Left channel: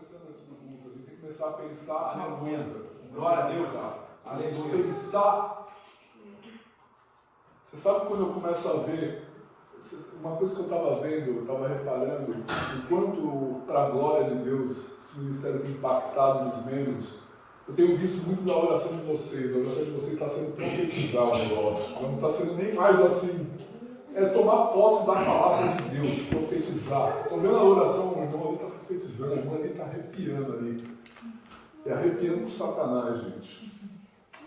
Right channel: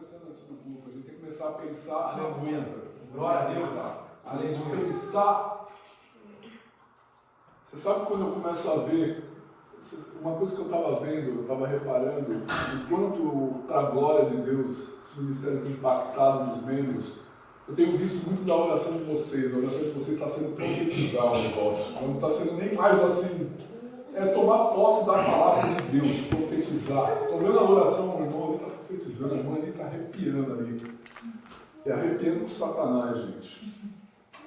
conversando antes do culto, a gente tem que começar a pensar na coisa. Glória a Deus. A gente pensar. Você sabe quando eu começo a ver, uma coisa que eu estava vendo, eu estava reparando, enquanto para a glória de Deus esse ministério tem impactado nos membros, eu tenho visto muito da oração de vocês. A oração de vocês está sendo profetizar o negócio. Não está sendo nem mais assim. É tomar posse da palavra de Deus, profetizar. Estou vendo a oração, o irmão ali está profetizando, a irmã ali está arrepiando ali. E arrepiando com Satanás, gente.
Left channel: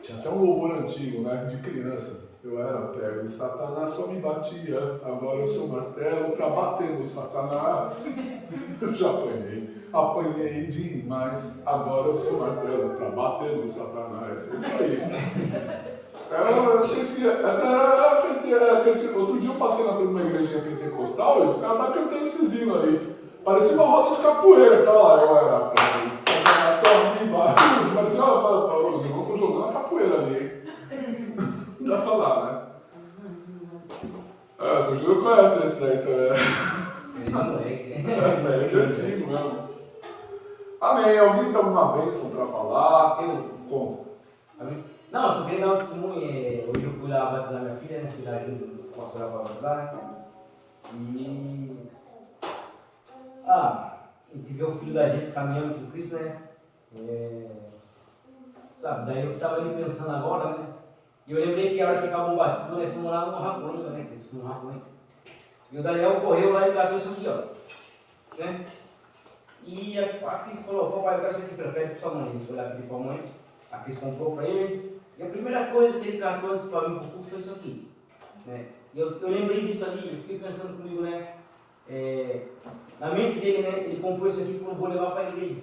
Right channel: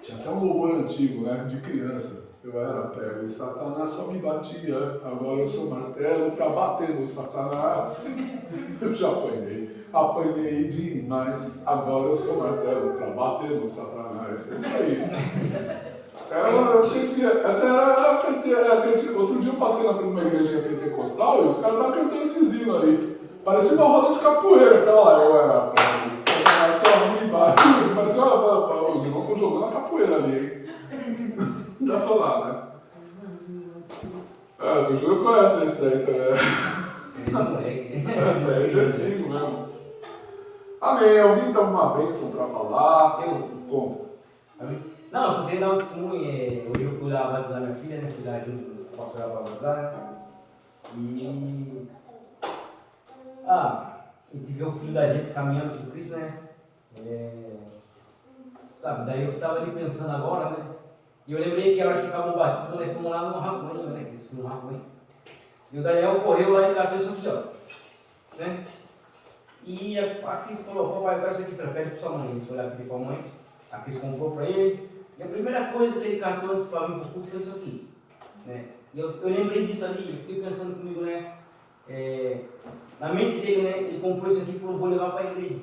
Tinha até um louvor antigo, né, de criança. Eu era prego e Satanás só me batia. Agora eu sou martelo para bater no Satanás. Eu já apanhei. Apanhei demais. Agora eu sou martelo para bater no Satanás. É isso aí. Essa era a cantiga. Outro dia eu passei na frente de uma igrejinha pentecostal e os caras estavam cantando esses hinos aí. Parecia uma roda de capoeira que tava lá. Eu era prego. Satanás só me batia. Parecia os irmãos estão jogando a capoeira ali, hein? Dá pra lá, né? Ah, o seu Júlio conhece esse daí também. Esse aí é de antigo mesmo. Amém. Alguém tem alguma bênção pra falar? Como? Amém? Não, eu só queria dar um testemunho. Hoje eu fui lá batizar minha filha, né? Fui lá junto com o pastor para batizar. E. A gente vê o filho da gente caminhando com Cristo, né? Sabe, daí eu estava ali pensando agora, né? E eu lembrei que a hora que acabou o batismo, nós fomos lá no Raconho, né? Que eles foram no Raconho. E o Daniel correu lá e catou isso aqui, ó. Né? E a Cris falou: papai, eu quero isso aqui, pede para sua mãe. Ele foi lá pedir para a mãe, a Cris comprou para ele. E a primeira coisa que ele catou antes de falar um pouco foi isso aqui. Né? E eu lembrei disso ali, eu fiquei pensando comigo, né? Na mente dele, né? Ele comprou isso aqui e falou: vou levar para a igreja.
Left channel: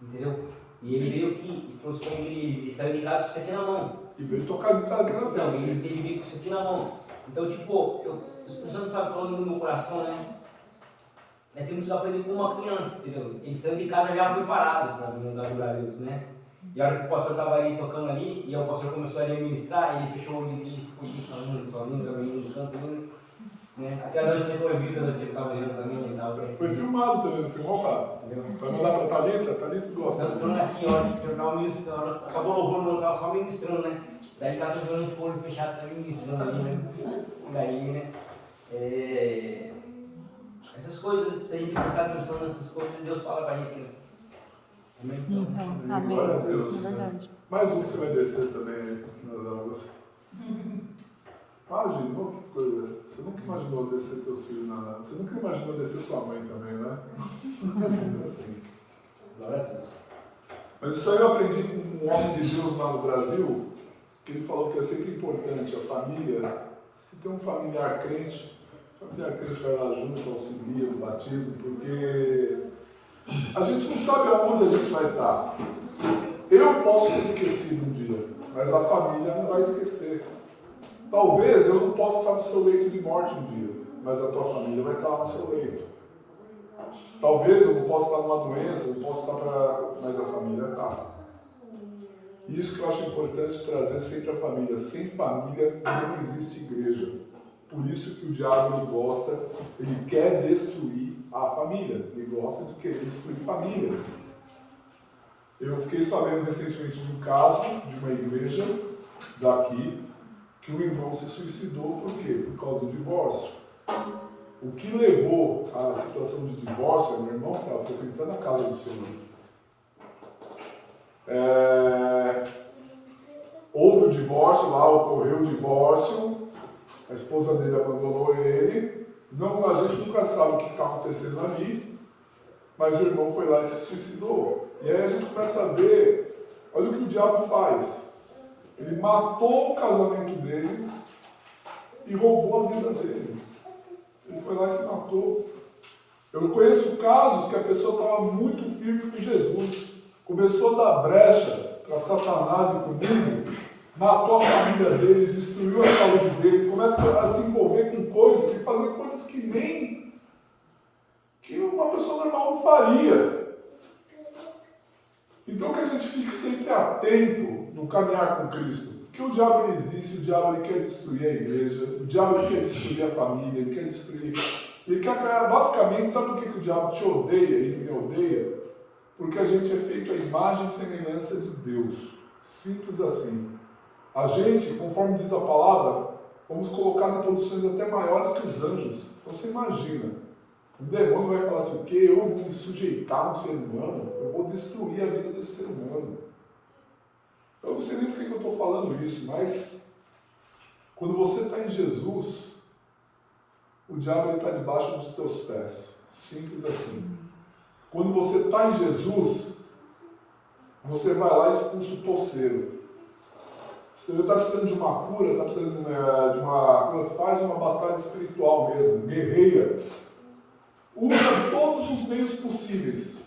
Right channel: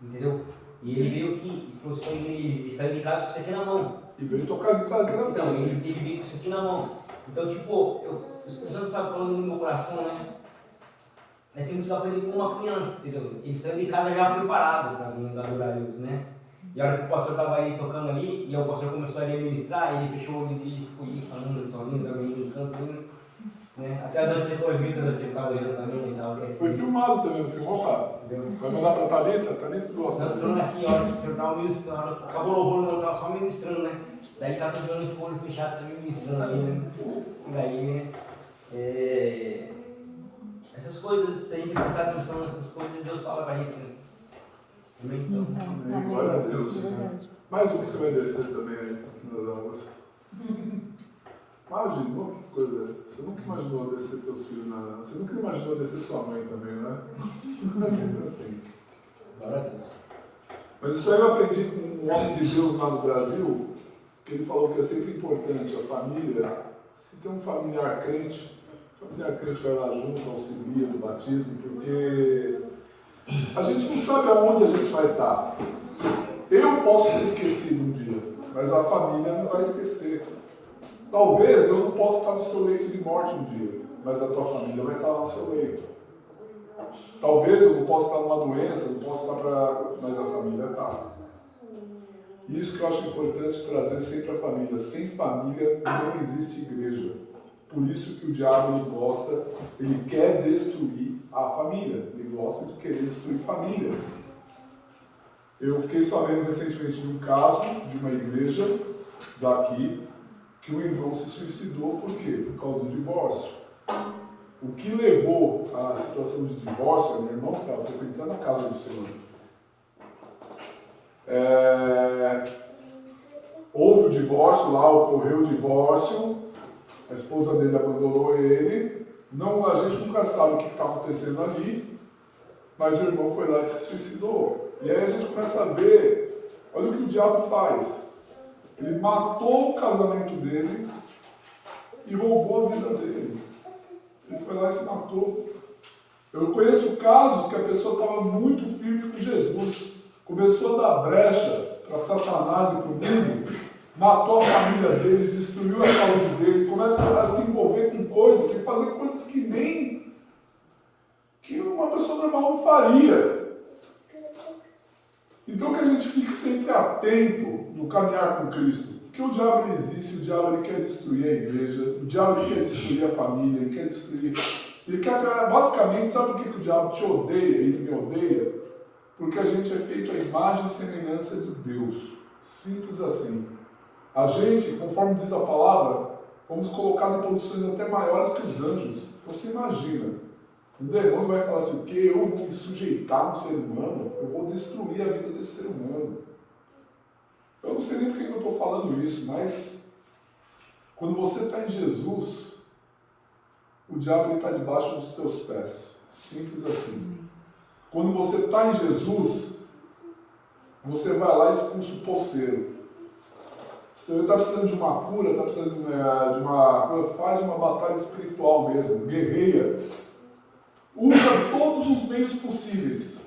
Entendeu? E ele veio aqui, trouxe para a igreja, ele saiu de casa com isso aqui na mão. E veio tocar de casa grande. Então, ele veio com isso aqui na mão. Então, tipo, o Espírito Santo estava falando no meu coração, né? Nós temos que aprender com uma criança, entendeu? Ele saiu de casa já preparado para vir adorar a Deus, né? E a hora que o pastor estava ali tocando ali, e o pastor começou a ministrar, e ele fechou o olho dele, ficou ali falando sozinho, dormindo no canto ali, né? Até a noite chegou, viu que a noite estava olhando também, ele estava... Foi filmado também, não filmou, cara? Vai mandar para a Thalita? Thalita gosta. Nós falando aqui, ó, o senhor estava ministrando, acabou o louvor, não estava só ministrando, né? Daí ele estava jogando em folha fechado, também ministrando ali, né? E aí, né? Essas coisas, se a gente prestar atenção nessas coisas, Deus fala para a gente, né? Amém? Amém. Glória a Deus. Mais um que você vai descer também nas águas. Imaginou que coisa? Você nunca imaginou descer teus filhos na... Você nunca imaginou descer sua mãe também, né? Sempre assim. Glória a Deus. Mas isso aí eu aprendi com um homem de Deus lá no Brasil, que ele falou que é sempre importante a família. Se tem um familiar crente, o familiar crente vai lá junto, auxilia no batismo, porque a gente não sabe aonde a gente vai estar. Eu posso ser esquecido um dia, mas a família não vai esquecer. Talvez eu não possa estar no seu leito de morte um dia, mas a tua família vai estar lá no seu leito. Talvez eu não possa estar numa doença, não posso estar mas a família está. Isso que eu acho importante trazer sempre a família. Sem família não existe igreja. Por isso que o diabo ele gosta, ele quer destruir a família. Ele gosta de querer destruir famílias. Eu fiquei sabendo recentemente de um caso de uma igreja daqui, que o irmão se suicidou, por quê? Por causa do divórcio. O que levou à situação de divórcio é um irmão que estava frequentando a casa do Senhor. Houve o divórcio lá, ocorreu o divórcio, a esposa dele abandonou ele, a gente nunca sabe o que está acontecendo ali, mas o irmão foi lá e se suicidou. E aí a gente começa a ver, olha o que o diabo faz. Ele matou o casamento dele e roubou a vida dele. Ele foi lá e se matou. Eu conheço casos que a pessoa estava muito firme com Jesus. Começou a dar brecha para Satanás e para o mundo, matou a família dele, destruiu a saúde dele, começa a se envolver com coisas e fazer coisas que uma pessoa normal não faria. Então que a gente fique sempre atento no caminhar com Cristo. Porque o diabo ele existe, o diabo ele quer destruir a igreja, o diabo ele quer destruir a família, ele quer destruir... Ele quer, basicamente, sabe por que o diabo te odeia, ele me odeia? Porque a gente é feito à imagem e semelhança de Deus. Simples assim. A gente, conforme diz a palavra, fomos colocados em posições até maiores que os anjos. Então você imagina, o demônio vai falar assim, o quê? Eu vou me sujeitar a um ser humano? Eu vou destruir a vida desse ser humano. Eu não sei nem por que eu estou falando isso, mas quando você está em Jesus, o diabo está debaixo dos teus pés. Simples assim. Quando você está em Jesus, você vai lá e expulsa o poceiro. Você está precisando de uma cura, está precisando de uma cura, faz uma batalha espiritual mesmo, guerreia. Usa todos os meios possíveis.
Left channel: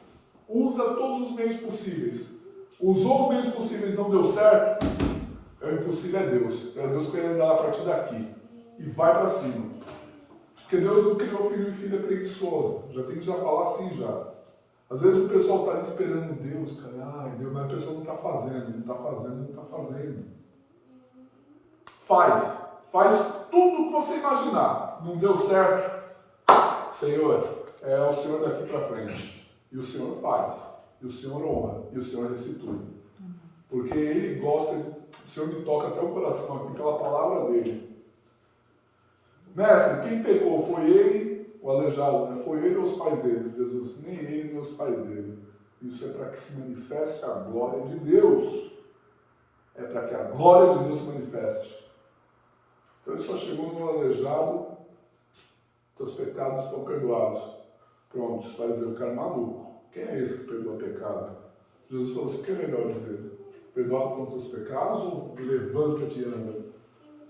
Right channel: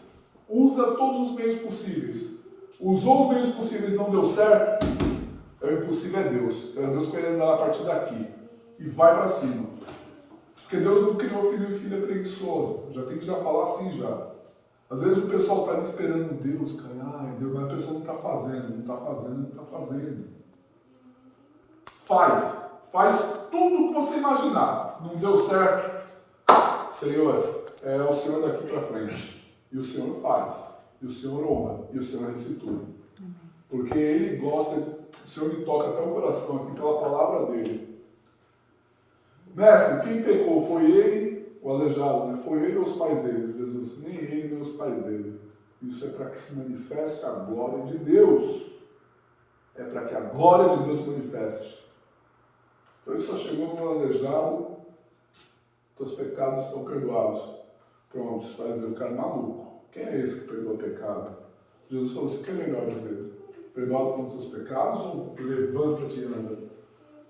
Usa todos os meios possíveis. Usou os meios possíveis e não deu certo, o impossível é Deus. Então é Deus que vai andar a partir daqui. E vai para cima. Porque Deus não criou filho e filha preguiçosa. Já tem que já falar assim já. Às vezes o pessoal está ali esperando Deus, cara. Ai, Deus, mas a pessoa não está fazendo, não está fazendo, não está fazendo. Faz tudo o que você imaginar. Não deu certo? Senhor, é o Senhor daqui para frente. E o Senhor faz. E o Senhor honra. E o Senhor restitui. Porque Ele gosta, o Senhor me toca até o coração aqui pela palavra dEle. Mestre, quem pecou foi ele, o aleijado, né? Foi ele ou os pais dele? Jesus, nem ele nem os pais dele. Isso é para que se manifeste a glória de Deus. É para que a glória de Deus se manifeste. Então ele só chegou no aleijado, teus pecados estão perdoados. Pronto, os pais dizer, o cara é maluco. Quem é esse que perdoa pecado? Jesus falou assim, o que é melhor dizer? Perdoado com os teus pecados ou levanta-te e anda?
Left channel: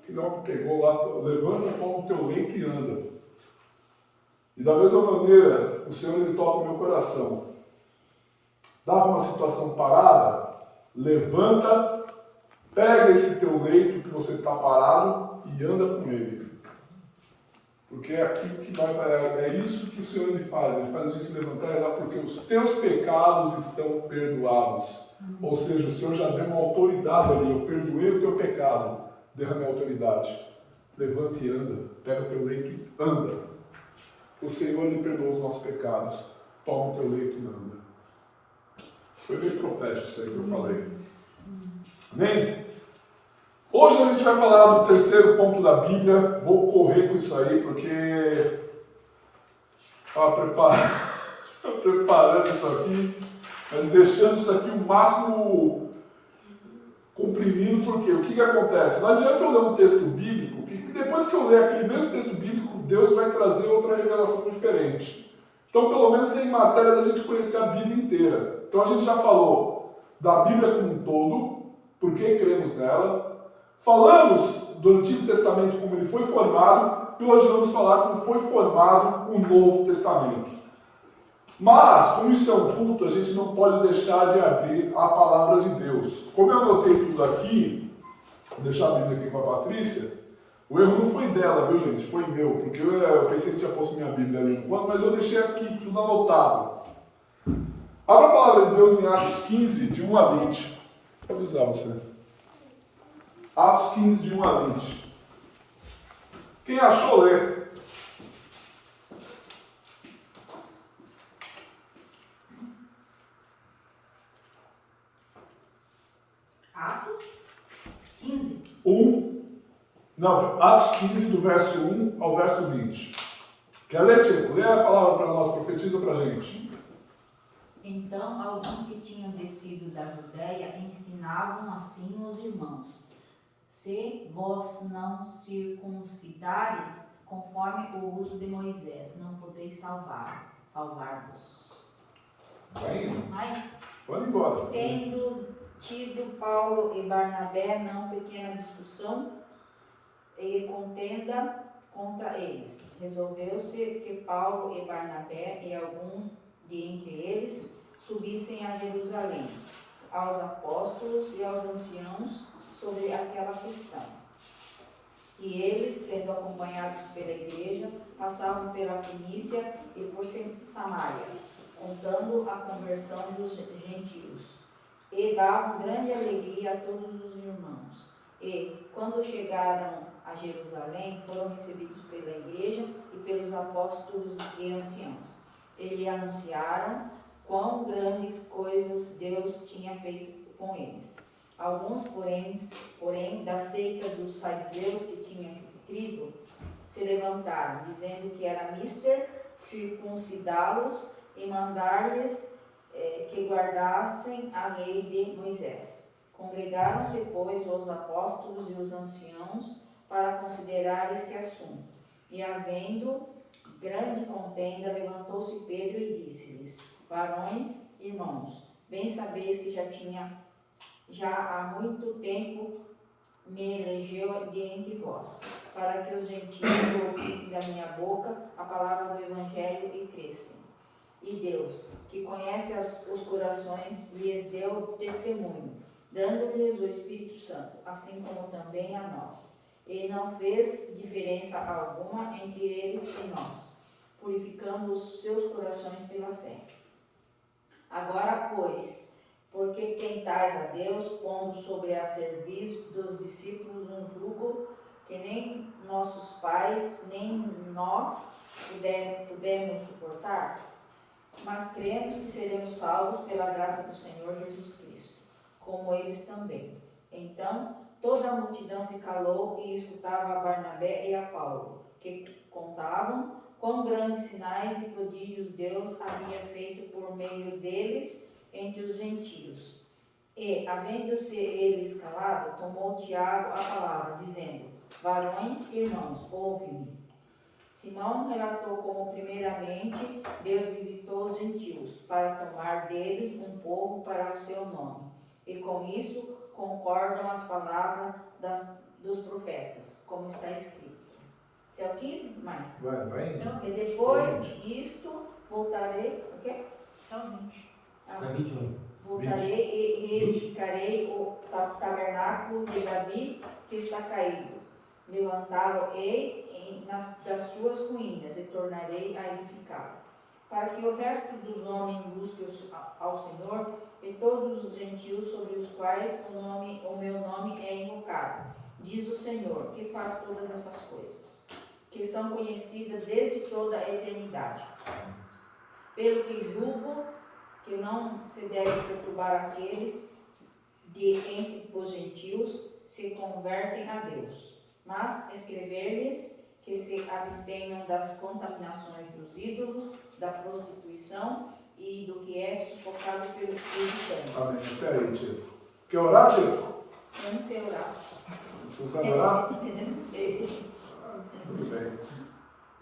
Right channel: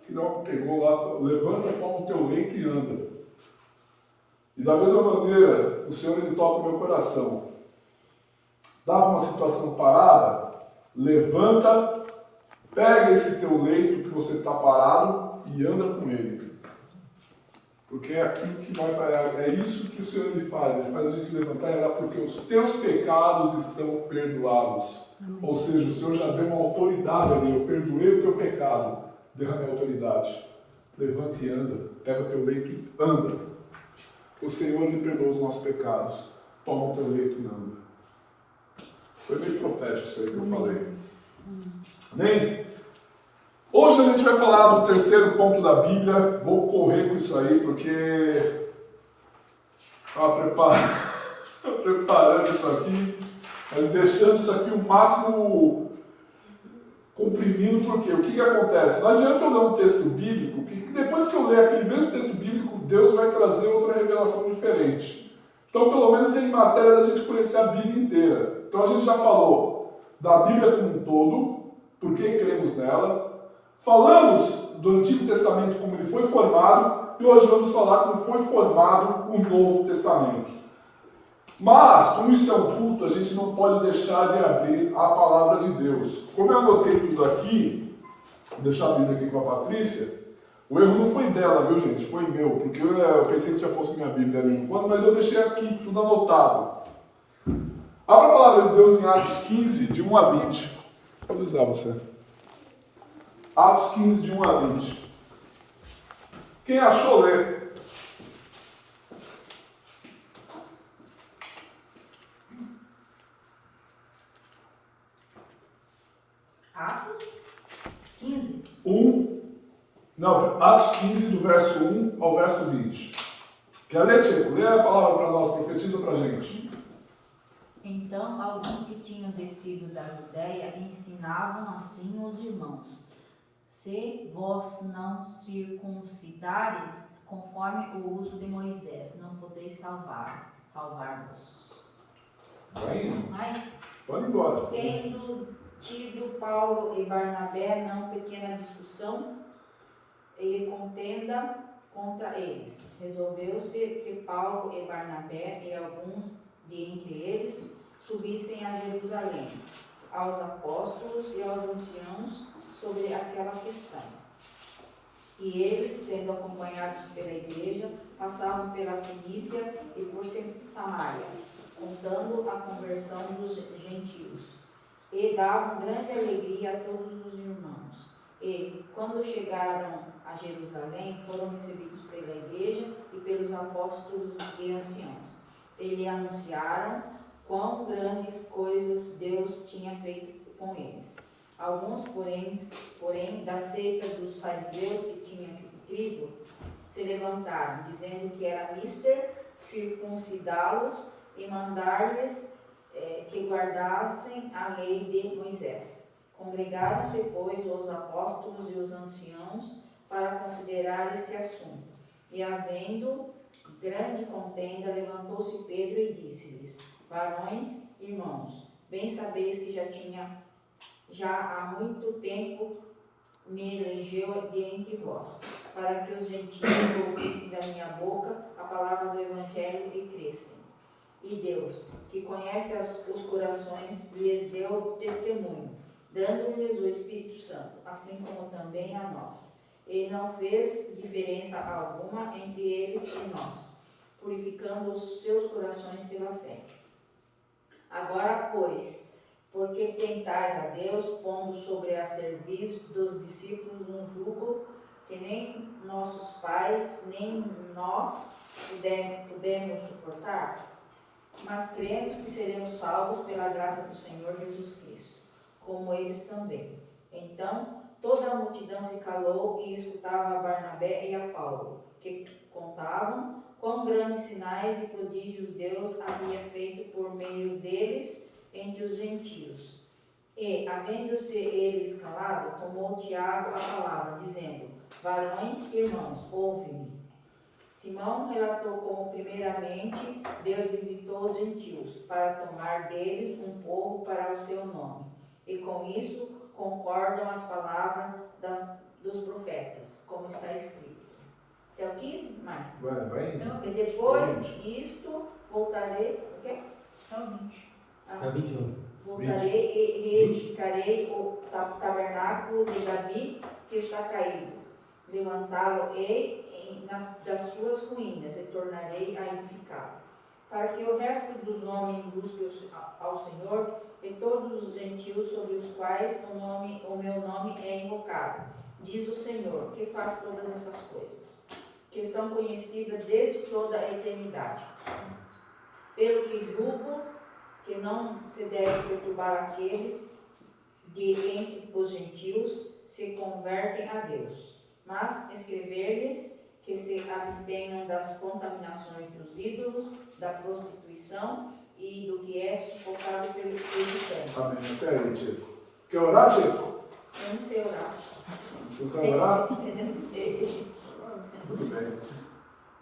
Que não pegou lá, levanta, toma o teu leito e anda. E da mesma maneira, o Senhor ele toca o meu coração. Dá uma situação parada, levanta, pega esse teu leito que você está parado e anda com ele. Porque é aquilo que vai fazer, é isso que o Senhor ele faz a gente levantar e lá porque os teus pecados estão perdoados. Amém. Ou seja, o Senhor já deu uma autoridade ali, eu perdoei o teu pecado. Derrame a autoridade. Levante e anda. Pega o teu leito e anda. O Senhor lhe perdoa os nossos pecados. Toma o teu leito e anda. Foi meio profético isso aí que eu falei. Amém? Hoje a gente vai falar do terceiro ponto da Bíblia. Vou correr com isso aí porque estava preparando isso aqui, mas deixando isso aqui o máximo comprimindo, porque o que acontece? Não adianta eu ler um texto bíblico, que depois que eu ler aquele mesmo texto bíblico, Deus vai trazer outra revelação diferente. Então, pelo menos em matéria da gente conhecer a Bíblia inteira. Então, a gente já falou da Bíblia como um todo, por que cremos nela. Falamos do Antigo Testamento, como ele foi formado, e hoje vamos falar como foi formado o Novo Testamento. Mas, como isso é um culto, a gente não pode deixar de abrir a palavra de Deus. Como eu anotei tudo aqui, vou deixar a Bíblia aqui com a Patrícia, o erro não foi dela, viu gente? Foi meu, porque eu pensei que tinha posto minha Bíblia ali enquanto, mas eu deixei aqui tudo anotado. Abra a palavra de Deus em Atos 15, de 1 a 20. Pode usar você. Atos 15, de 1 a 20. Quem achou, lê. Atos 15. Atos 15, do verso 1 ao verso 20. Quer ler, Tcheco? Lê a palavra para nós, profetiza para a gente. Então, alguns que tinham descido da Judéia ensinavam assim os irmãos: se vós não circuncidares, conforme o uso de Moisés, não podeis salvar-vos. Vai indo. Mas, Pode ir embora. tendo tido Paulo e Barnabé não pequena discussão e contenda contra eles, resolveu-se que Paulo e Barnabé e alguns de entre eles subissem a Jerusalém, aos apóstolos e aos anciãos sobre aquela questão. E eles, sendo acompanhados pela igreja, passavam pela Fenícia e por Samaria, contando a conversão dos gentios. E davam grande alegria a todos os irmãos. E, quando chegaram a Jerusalém, foram recebidos pela igreja e pelos apóstolos e anciãos. Eles anunciaram quão grandes coisas Deus tinha feito com eles. Alguns, porém, da seita dos fariseus que tinham crido, se levantaram, dizendo que era mister circuncidá-los e mandar-lhes que guardassem a lei de Moisés. Congregaram-se, pois, os apóstolos e os anciãos para considerar esse assunto. E, havendo grande contenda, levantou-se Pedro e disse-lhes: varões, irmãos, bem sabeis que já há muito tempo me elegeu de entre vós, para que os gentios ouvissem da minha boca a palavra do Evangelho e crescem. E Deus, que conhece os corações, lhes deu testemunho, dando-lhes o Espírito Santo, assim como também a nós. E não fez diferença alguma entre eles e nós, purificando os seus corações pela fé. Agora, pois, porque tentais a Deus, pondo sobre a serviço dos discípulos um jugo que nem nossos pais, nem nós pudemos suportar? Mas cremos que seremos salvos pela graça do Senhor Jesus Cristo, como eles também. Então, toda a multidão se calou e escutava a Barnabé e a Paulo, que contavam quão grandes sinais e prodígios Deus havia feito por meio deles entre os gentios. E, havendo-se eles calado, tomou Tiago a palavra, dizendo: varões, irmãos, ouve-me. Simão relatou como, primeiramente, Deus visitou os gentios, para tomar deles um povo para o seu nome. E com isso concordam as palavras dos profetas, como está escrito. Até o 15, mais. Vai. E depois disto, voltarei. O quê? Não, 20. Foi 21. Voltarei e reedificarei o tabernáculo de Davi que está caído. Levantá-lo-ei das suas ruínas e tornarei a edificá-lo. Para que o resto dos homens busque ao Senhor e todos os gentios sobre os quais o meu nome é invocado. Diz o Senhor, que faz todas essas coisas, que são conhecidas desde toda a eternidade. Pelo que julgo que não se deve perturbar aqueles de entre os gentios se convertem a Deus, mas escrever-lhes que se abstenham das contaminações dos ídolos, da prostituição e do que é sufocado pelo Espírito Santo. Amém. Até aí, Tico. Quer orar, Tico? Eu não sei orar. Você sabe orar? Eu não sei. Muito bem.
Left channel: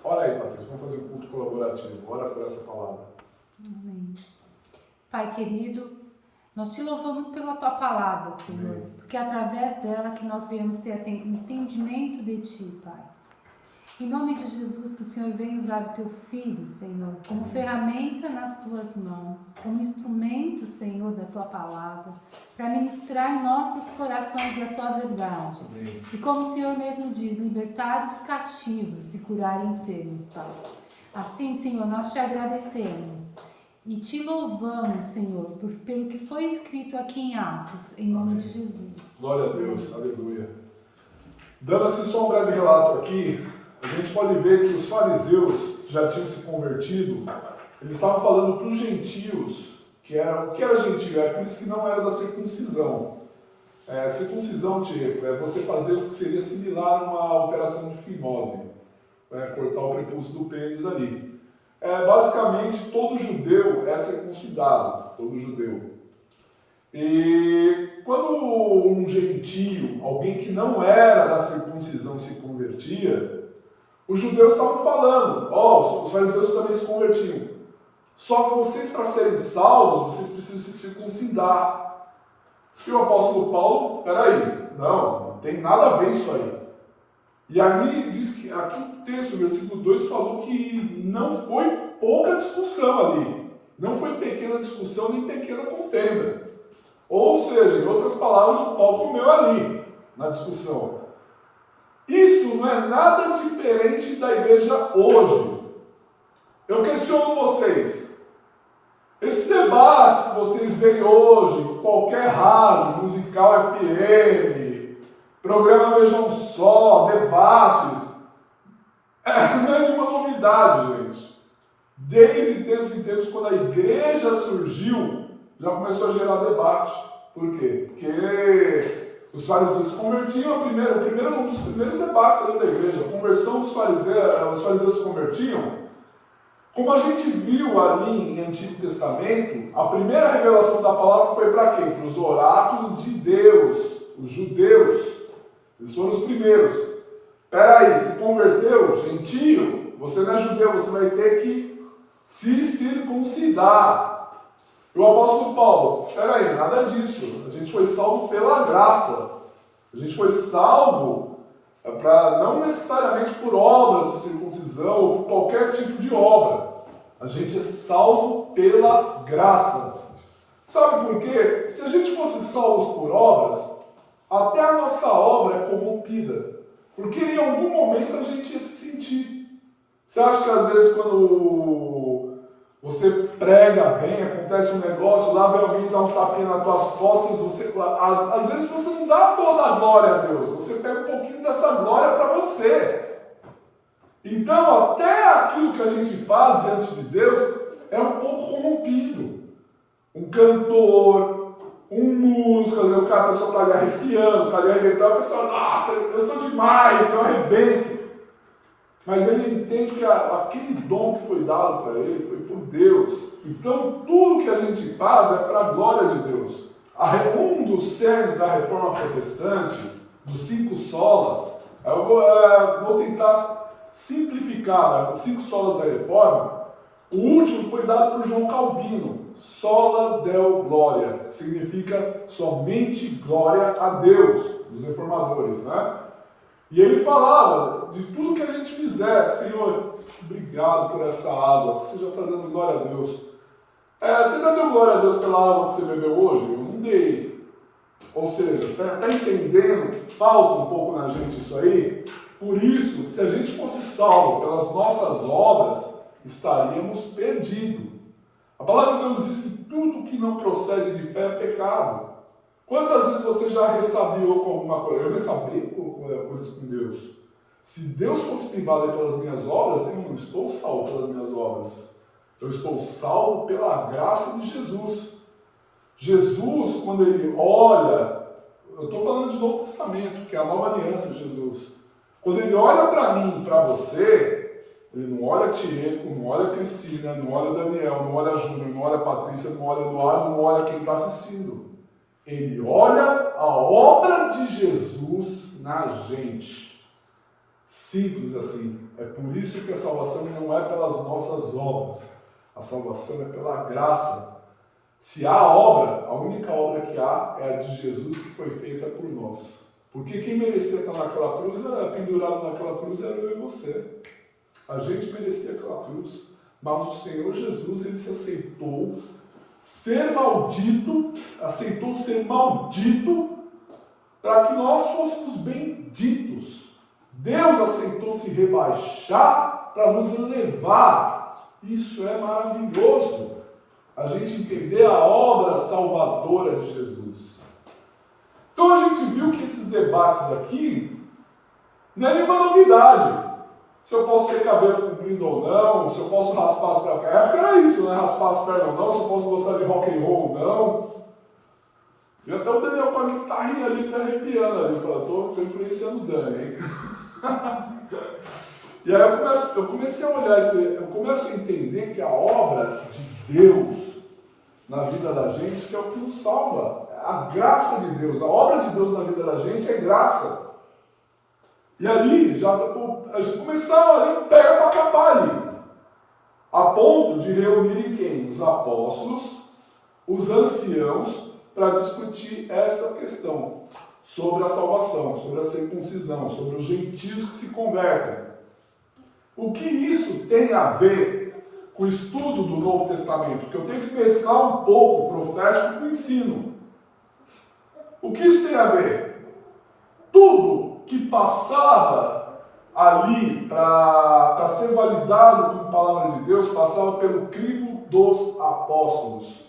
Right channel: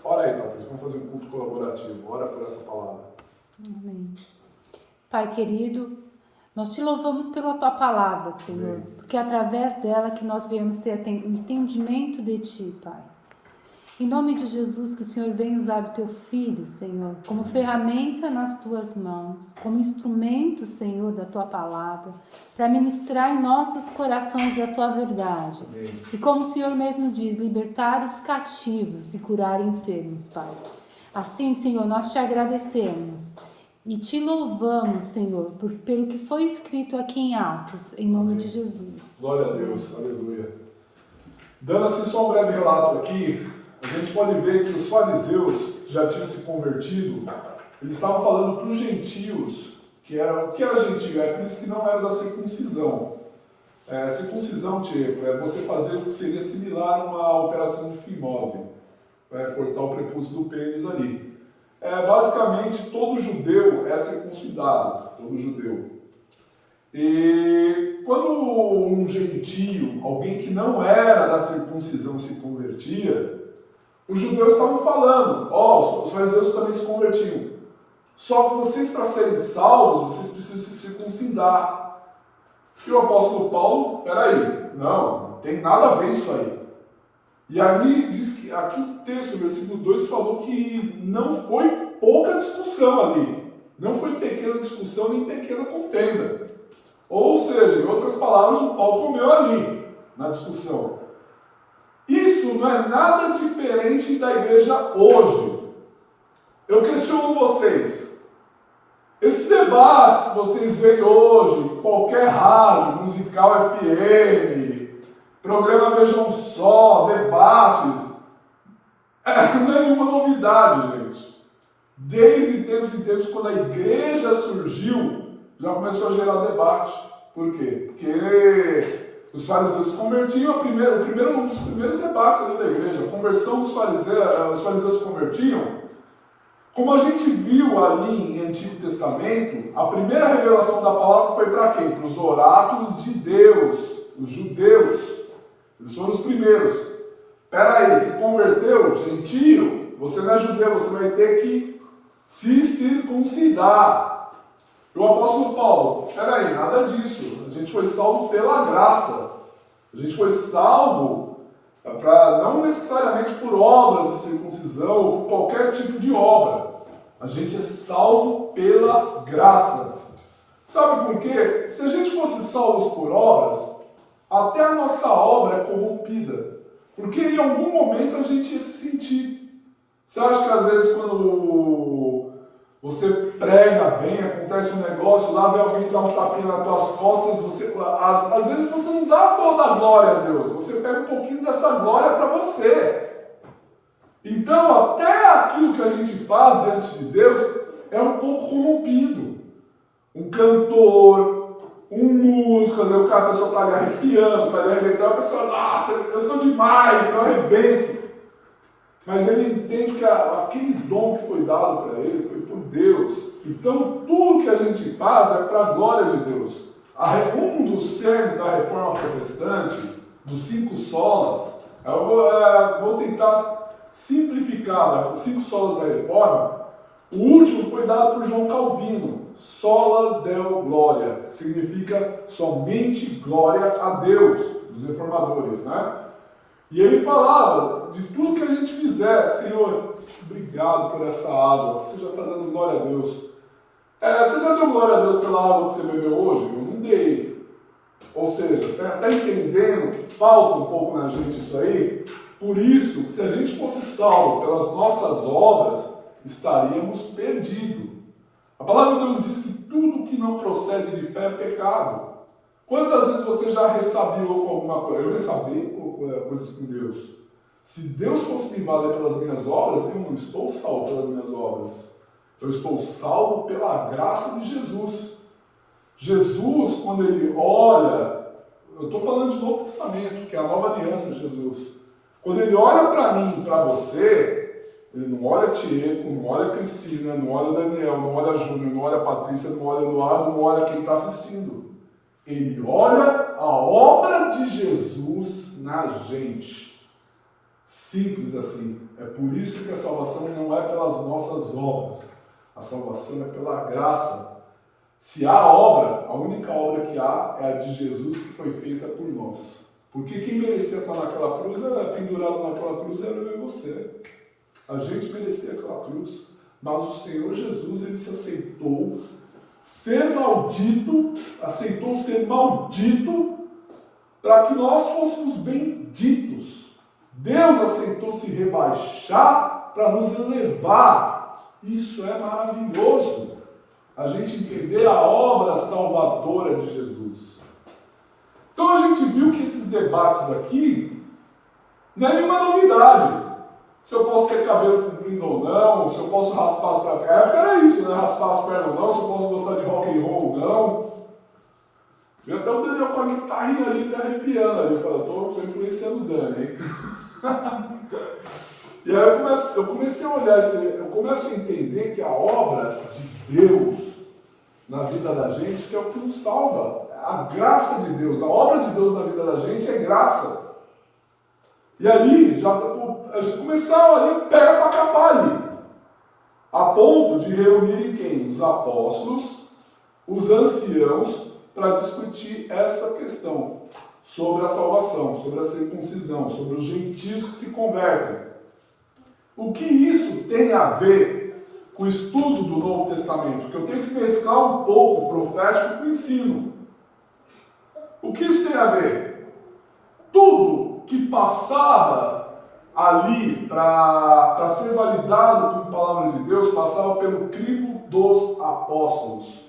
Ora aí, Patrícia. Vamos fazer um culto colaborativo. Ora por essa palavra. Amém. Pai querido, nós te louvamos pela tua palavra, Senhor, Amém. porque é através dela que nós viemos ter entendimento de ti, Pai. Em nome de Jesus, que o Senhor venha usar o teu filho, Senhor, como ferramenta nas tuas mãos, como instrumento, Senhor, da tua palavra, para ministrar em nossos corações a tua verdade. Amém. E como o Senhor mesmo diz, libertar os cativos e curar enfermos, Pai. Assim, Senhor, nós te agradecemos e te louvamos, Senhor, pelo que foi escrito aqui em Atos, em nome de Jesus. Glória a Deus, aleluia. Dando assim só um breve relato aqui, a gente pode ver que os fariseus já tinham se convertido, eles estavam falando para os gentios, o que era gentio? É aqueles que não eram da circuncisão. Circuncisão, Tiago, é você fazer o que seria similar a uma operação de fimose, cortar o prepúcio do pênis ali. Basicamente, todo judeu é circuncidado, todo judeu. E quando um gentio, alguém que não era da circuncisão, se convertia, os judeus estavam falando, os fariseus também se convertiam. Só que vocês, para serem salvos, vocês precisam se circuncidar. E o apóstolo Paulo, peraí, não tem nada a ver isso aí. E ali diz que, aqui o texto, o versículo 2, falou que não foi pouca discussão ali. Não foi pequena discussão nem pequena contenda. Ou seja, em outras palavras, o pau comeu ali, na discussão. Isso não é nada diferente da igreja hoje. Eu questiono vocês. Esses debates que vocês veem hoje, qualquer rádio, musical FM, programa Vejam Só, debates, não é nenhuma novidade, gente. Desde tempos em tempos, quando a igreja surgiu, já começou a gerar debate. Por quê? Porque os fariseus se convertiam, um dos primeiros debates ali da igreja, a conversão dos fariseus, os fariseus se convertiam. Como a gente viu ali em Antigo Testamento, a primeira revelação da palavra foi para quem? Para os oráculos de Deus, os judeus. Eles foram os primeiros. Espera aí, se converteu, gentio, você não é judeu, você vai ter que se circuncidar. E o apóstolo Paulo, espera aí, nada disso. A gente foi salvo pela graça. A gente foi salvo para não necessariamente por obras de circuncisão ou por qualquer tipo de obra. A gente é salvo pela graça. Sabe por quê? Se a gente fosse salvos por obras, até a nossa obra é corrompida. Porque em algum momento a gente ia se sentir. Você acha que às vezes quando você prega bem, acontece um negócio, lá vem alguém dar um tapinha nas tuas costas, às vezes você não dá toda a glória a Deus, você pega um pouquinho dessa glória para você. Então, até aquilo que a gente faz diante de Deus é um pouco corrompido. Um cantor, um músico, a pessoa está ali arrepiando, está ali arrebentando, a pessoa, nossa, eu sou demais, eu arrebento. Mas ele entende que aquele dom que foi dado para ele foi por Deus. Então, tudo que a gente faz é para a glória de Deus. Um dos cernes da reforma protestante, dos 5 solas, eu vou tentar simplificar, os 5 solas da reforma. O último foi dado por João Calvino, sola deo gloria, significa somente glória a Deus, dos reformadores, né? E ele falava de tudo que a gente fizer, Senhor, obrigado por essa água, você já está dando glória a Deus. Você já deu glória a Deus pela água que você bebeu hoje? Eu não dei. Ou seja, está entendendo que falta um pouco na gente isso aí? Por isso, se a gente fosse salvo pelas nossas obras, estaríamos perdidos. A palavra de Deus diz que tudo que não procede de fé é pecado. Quantas vezes você já ressabiou com alguma coisa? Eu ressabiei com coisas com Deus. Se Deus fosse me valer pelas minhas obras, eu não estou salvo pelas minhas obras. Eu estou salvo pela graça de Jesus. Jesus, quando ele olha, eu estou falando de Novo Testamento, que é a nova aliança de Jesus. Quando ele olha para mim, para você, ele não olha Tieco, não olha Cristina, não olha Daniel, não olha Júnior, não olha Patrícia, não olha Eduardo, não olha quem está assistindo. Ele olha a obra de Jesus na gente. Simples assim. É por isso que a salvação não é pelas nossas obras. A salvação é pela graça. Se há obra, a única obra que há é a de Jesus que foi feita por nós. Porque quem merecia estar naquela cruz, pendurado naquela cruz, era eu e você. A gente merecia aquela cruz. Mas o Senhor Jesus, ele se aceitou aceitou ser maldito para que nós fôssemos benditos. Deus aceitou se rebaixar para nos elevar. Isso é maravilhoso. A gente entender a obra salvadora de Jesus. Então a gente viu que esses debates aqui não é nenhuma novidade. Se eu posso ter cabelo comprido ou não, se eu posso raspar as pernas. Na época era isso, né? Raspar as pernas ou não, se eu posso gostar de rock and roll ou não. E até o Daniel com a guitarrinha ali, tá arrepiando ali. Eu falo, eu tô influenciando o Dani, hein? E aí eu comecei a olhar, eu começo a entender que a obra de Deus na vida da gente que é o que nos salva. A graça de Deus, a obra de Deus na vida da gente é graça. E ali, a gente começava ali, pega para capar ali. A ponto de reunirem quem? Os apóstolos, os anciãos, para discutir essa questão sobre a salvação, sobre a circuncisão, sobre os gentios que se convertem. O que isso tem a ver com o estudo do Novo Testamento? Que eu tenho que mesclar um pouco o profético com o ensino. O que isso tem a ver? Tudo que passava ali para ser validado como palavra de Deus, passava pelo crivo dos apóstolos.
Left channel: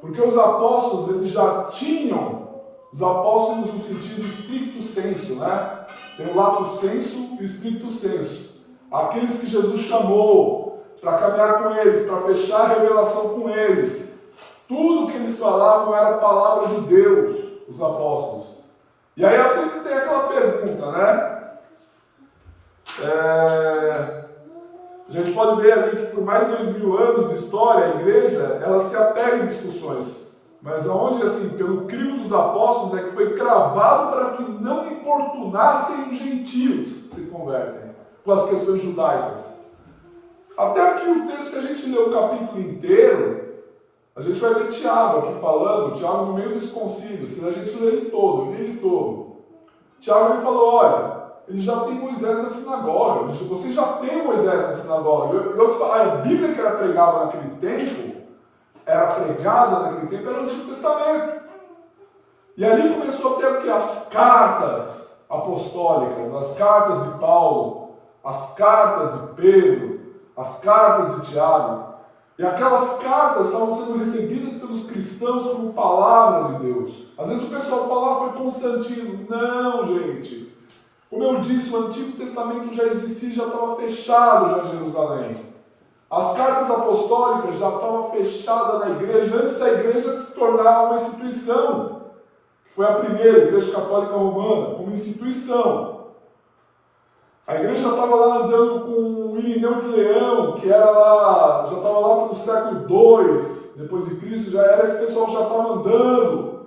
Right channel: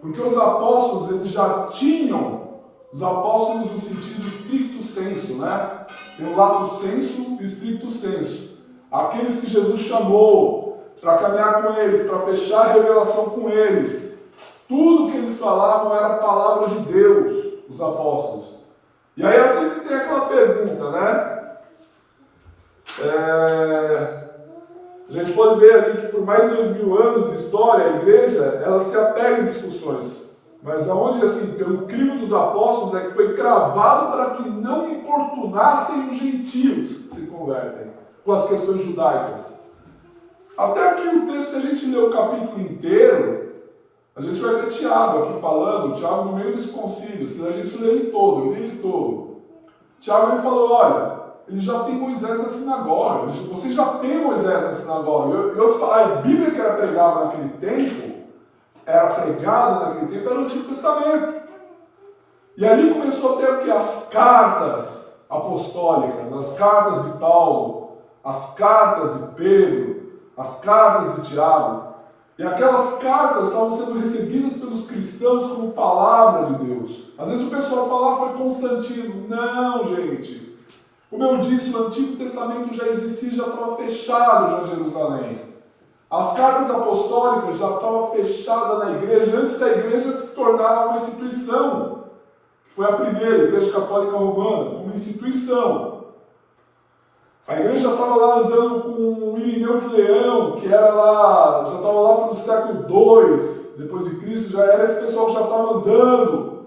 Porque os apóstolos, eles já tinham, os apóstolos no sentido stricto sensu, né? Tem o lato sensu e o stricto sensu. Aqueles que Jesus chamou, para caminhar com eles, para fechar a revelação com eles. Tudo que eles falavam era a palavra de Deus, os apóstolos. E aí sempre tem aquela pergunta, né? A gente pode ver ali que por mais de 2000 anos de história, a igreja, ela se apega em discussões. Mas aonde, assim, pelo crivo dos apóstolos, é que foi cravado para que não importunassem os gentios que se convertem com as questões judaicas. Até aqui o texto, se a gente ler o capítulo inteiro, a gente vai ver Tiago aqui falando, Tiago no meio desse concílio, se a gente ler ele todo, eu li ele todo. Tiago ele falou, olha, ele já tem Moisés na sinagoga, você já tem Moisés na sinagoga. E outros falaram, a Bíblia que era pregada naquele tempo, era o Antigo Testamento. E ali começou a ter o que? As cartas apostólicas, as cartas de Paulo, as cartas de Pedro, as cartas de Tiago. E aquelas cartas estavam sendo recebidas pelos cristãos como palavra de Deus. Às vezes o pessoal fala, foi Constantino. Não, gente. Como eu disse, o Antigo Testamento já existia, já estava fechado já em Jerusalém. As cartas apostólicas já estavam fechadas na igreja, antes da igreja se tornar uma instituição. Foi a primeira, a Igreja Católica Romana, como instituição. A igreja já estava lá andando com o Irineu de Leão, que era lá, já estava lá pelo século II, depois de Cristo, já era esse pessoal que já estava andando.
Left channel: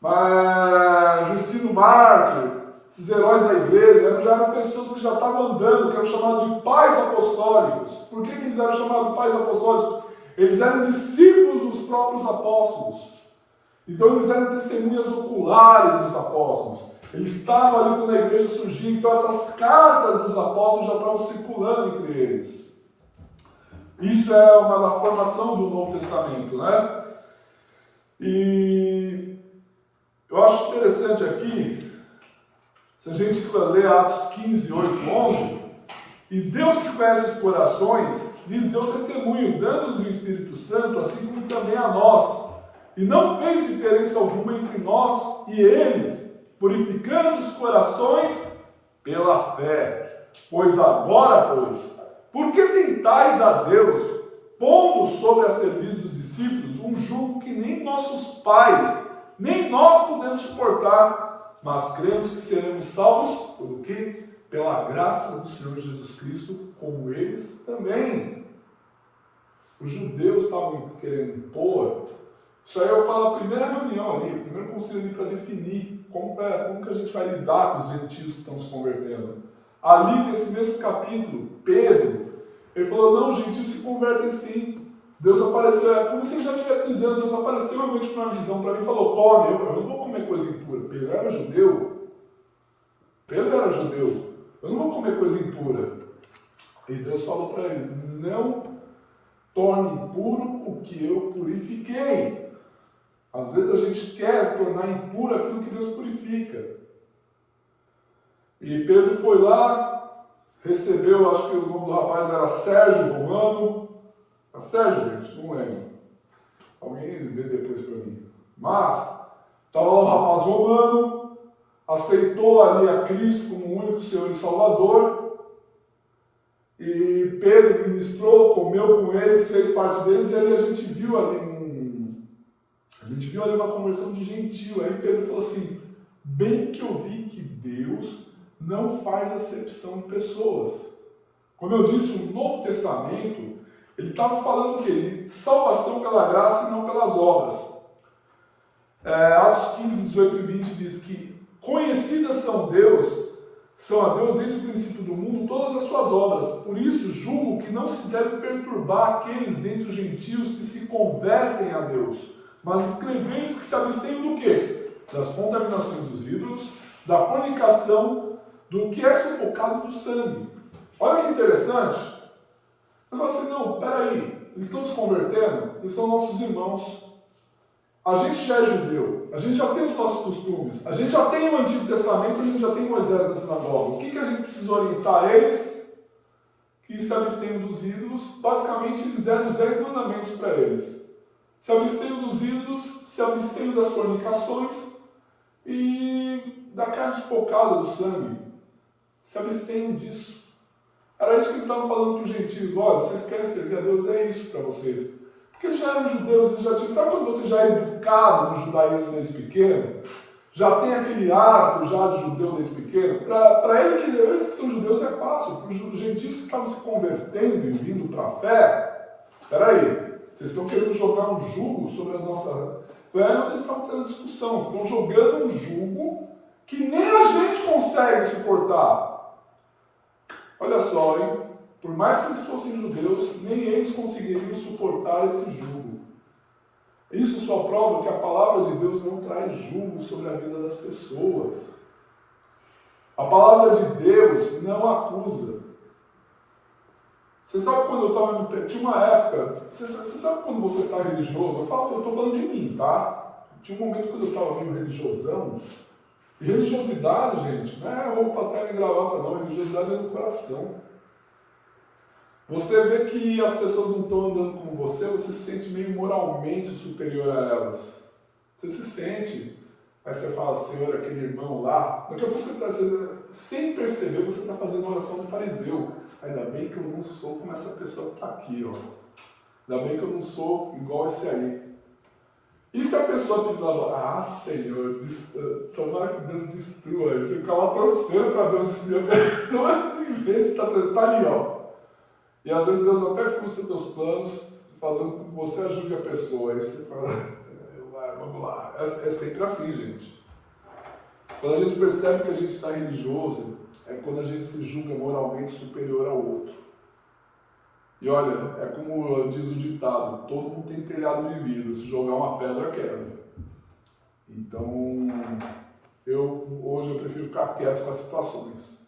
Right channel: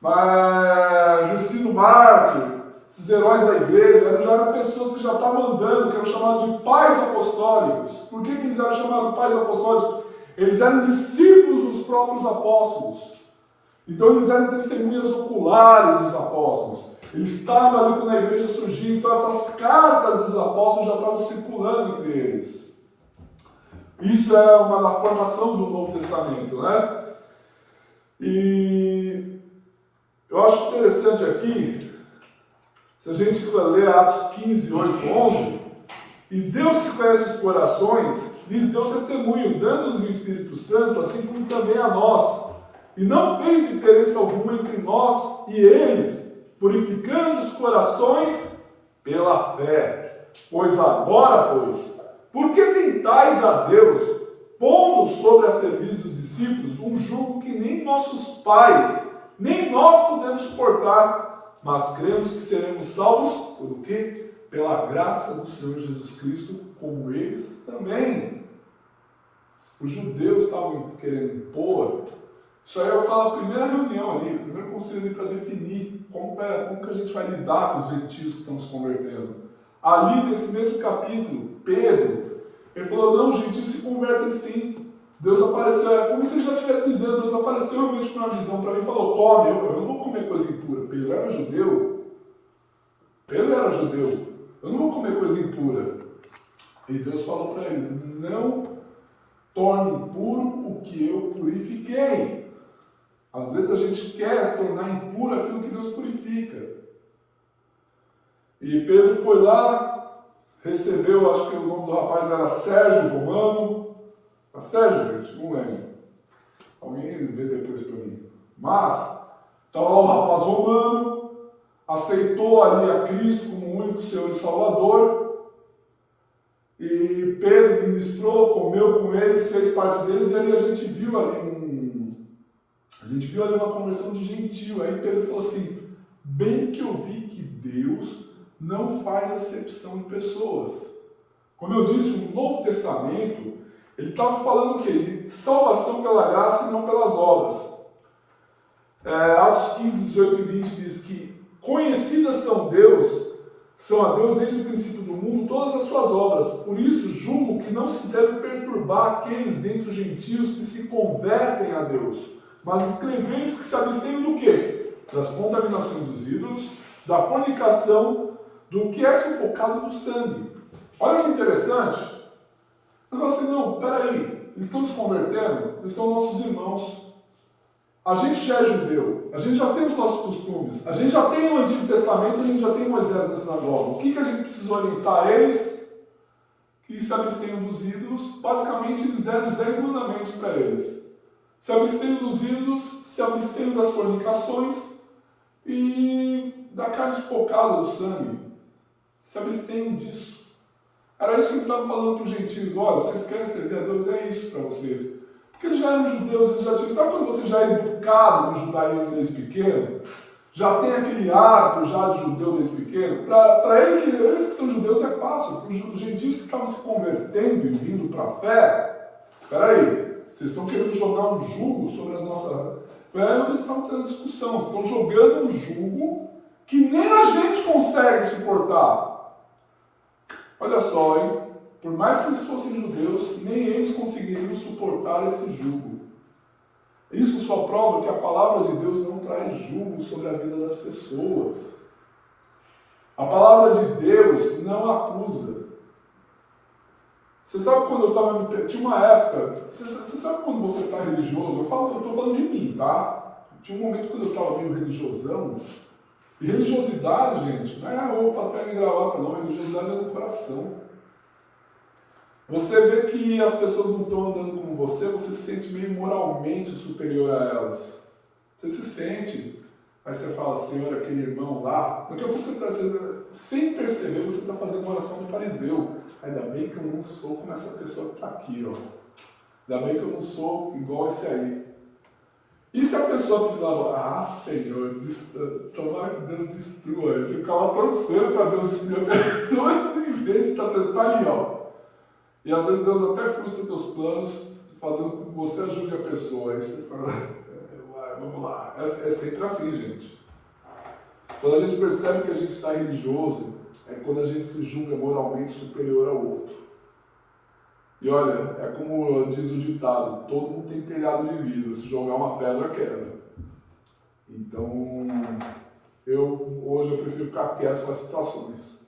Mas Justino Mártir, esses heróis da igreja, já eram pessoas que já estavam andando, que eram chamados de pais apostólicos. Por que eles eram chamados de pais apostólicos? Eles eram discípulos dos próprios apóstolos. Então eles eram testemunhas oculares dos apóstolos. Eles estavam ali quando a igreja surgiu, então essas cartas dos apóstolos já estavam circulando entre eles. Isso é uma da formação do Novo Testamento, né? E eu acho interessante aqui, se a gente ler Atos 15, 8, 11, e Deus que conhece os corações, lhes deu testemunho, dando-nos o Espírito Santo, assim como também a nós, e não fez diferença alguma entre nós e eles, purificando os corações pela fé. Pois agora, por que tentais a Deus, pondo sobre a serviço dos discípulos um jugo que nem nossos pais, nem nós podemos suportar, mas cremos que seremos salvos por o quê? Pela graça do Senhor Jesus Cristo, como eles também. Os judeus estavam querendo impor. Isso aí eu falo a primeira reunião ali, o primeiro conselho ali para definir como que a gente vai lidar com os gentios que estão se convertendo. Ali, nesse mesmo capítulo, Pedro, ele falou, não, os gentios se convertem sim. Deus apareceu, é como se ele já estivesse dizendo, Deus apareceu realmente com uma visão para mim e falou, come, eu não vou comer coisa impura. Pedro era judeu. Eu não vou comer coisa impura. E Deus falou para ele, não torne impuro o que eu purifiquei. Às vezes a gente quer tornar impuro aquilo que Deus purifica. E Pedro foi lá, recebeu, acho que o nome do rapaz era Sérgio Romano. Sérgio, gente, não lembro. Alguém vê depois para mim. Mas, estava lá o rapaz romano, aceitou ali a Cristo como o único Senhor e Salvador. E Pedro ministrou, comeu com eles, fez parte deles, e ali a gente viu ali uma conversão de gentil. Aí Pedro falou assim, bem que eu vi que Deus não faz acepção de pessoas. Como eu disse, o Novo Testamento, ele estava falando o quê? De salvação pela graça e não pelas obras. Atos 15, 18 e 20 diz que conhecidas são a Deus desde o princípio do mundo todas as suas obras. Por isso julgo que não se deve perturbar aqueles dentre os gentios que se convertem a Deus, mas escrever-lhes que se abstenham do quê? Das contaminações dos ídolos, da fornicação, do que é sufocado do sangue. Olha que interessante. Mas fala assim, não, peraí, eles estão se convertendo, eles são nossos irmãos. A gente já é judeu, a gente já tem os nossos costumes, a gente já tem o Antigo Testamento, a gente já tem Moisés na sinagoga. O que a gente precisa orientar eles? Que se abstenham dos ídolos. Basicamente, eles deram os 10 mandamentos para eles. Se abstenham dos ídolos, se abstenham das fornicações e da carne sufocada do sangue. Se abstenham disso. Era isso que eles estavam falando para os gentios. Olha, vocês querem servir a Deus? É isso para vocês. Porque eles já eram judeus, eles já tinham... Sabe quando você já é educado no judaísmo desde pequeno? Já tem aquele hábito já de judeu desde pequeno? Para eles que são judeus é fácil. Para os gentios que estavam se convertendo e vindo para a fé, espera aí, vocês estão querendo jogar um jugo sobre as nossas... Foi aí onde eles estavam tendo discussão. Eles estão jogando um jugo que nem a gente consegue suportar. Olha só, hein? Por mais que eles fossem judeus, nem eles conseguiriam suportar esse jugo. Isso só prova que a palavra de Deus não traz jugo sobre a vida das pessoas. A palavra de Deus não acusa. Você sabe quando eu estava... Tinha uma época... Você sabe quando você está religioso? Eu estou falando de mim, tá? Tinha um momento quando eu estava meio religiosão. E religiosidade, gente, não é roupa, terno e gravata, não. Religiosidade é no coração. Você vê que as pessoas não estão andando como você se sente meio moralmente superior a elas. Você se sente. Aí você fala, Senhor, aquele irmão lá. Daqui a pouco sem perceber, você está fazendo a oração do fariseu. Ainda bem que eu não sou como essa pessoa que está aqui, ó. Ainda bem que eu não sou igual esse aí. E se a pessoa precisava, Senhor, tomara que Deus destrua. Você fica lá torcendo para Deus destruir a pessoa, em vez de estar ali, ó. E às vezes Deus até frustra teus planos, fazendo com que você ajude a pessoa. Aí você fala, vamos lá. É sempre assim, gente. Quando a gente percebe que a gente está religioso, é quando a gente se julga moralmente superior ao outro. E olha, é como diz o ditado, todo mundo tem telhado de vidro, se jogar uma pedra, quebra. Então, hoje eu prefiro ficar quieto com as situações.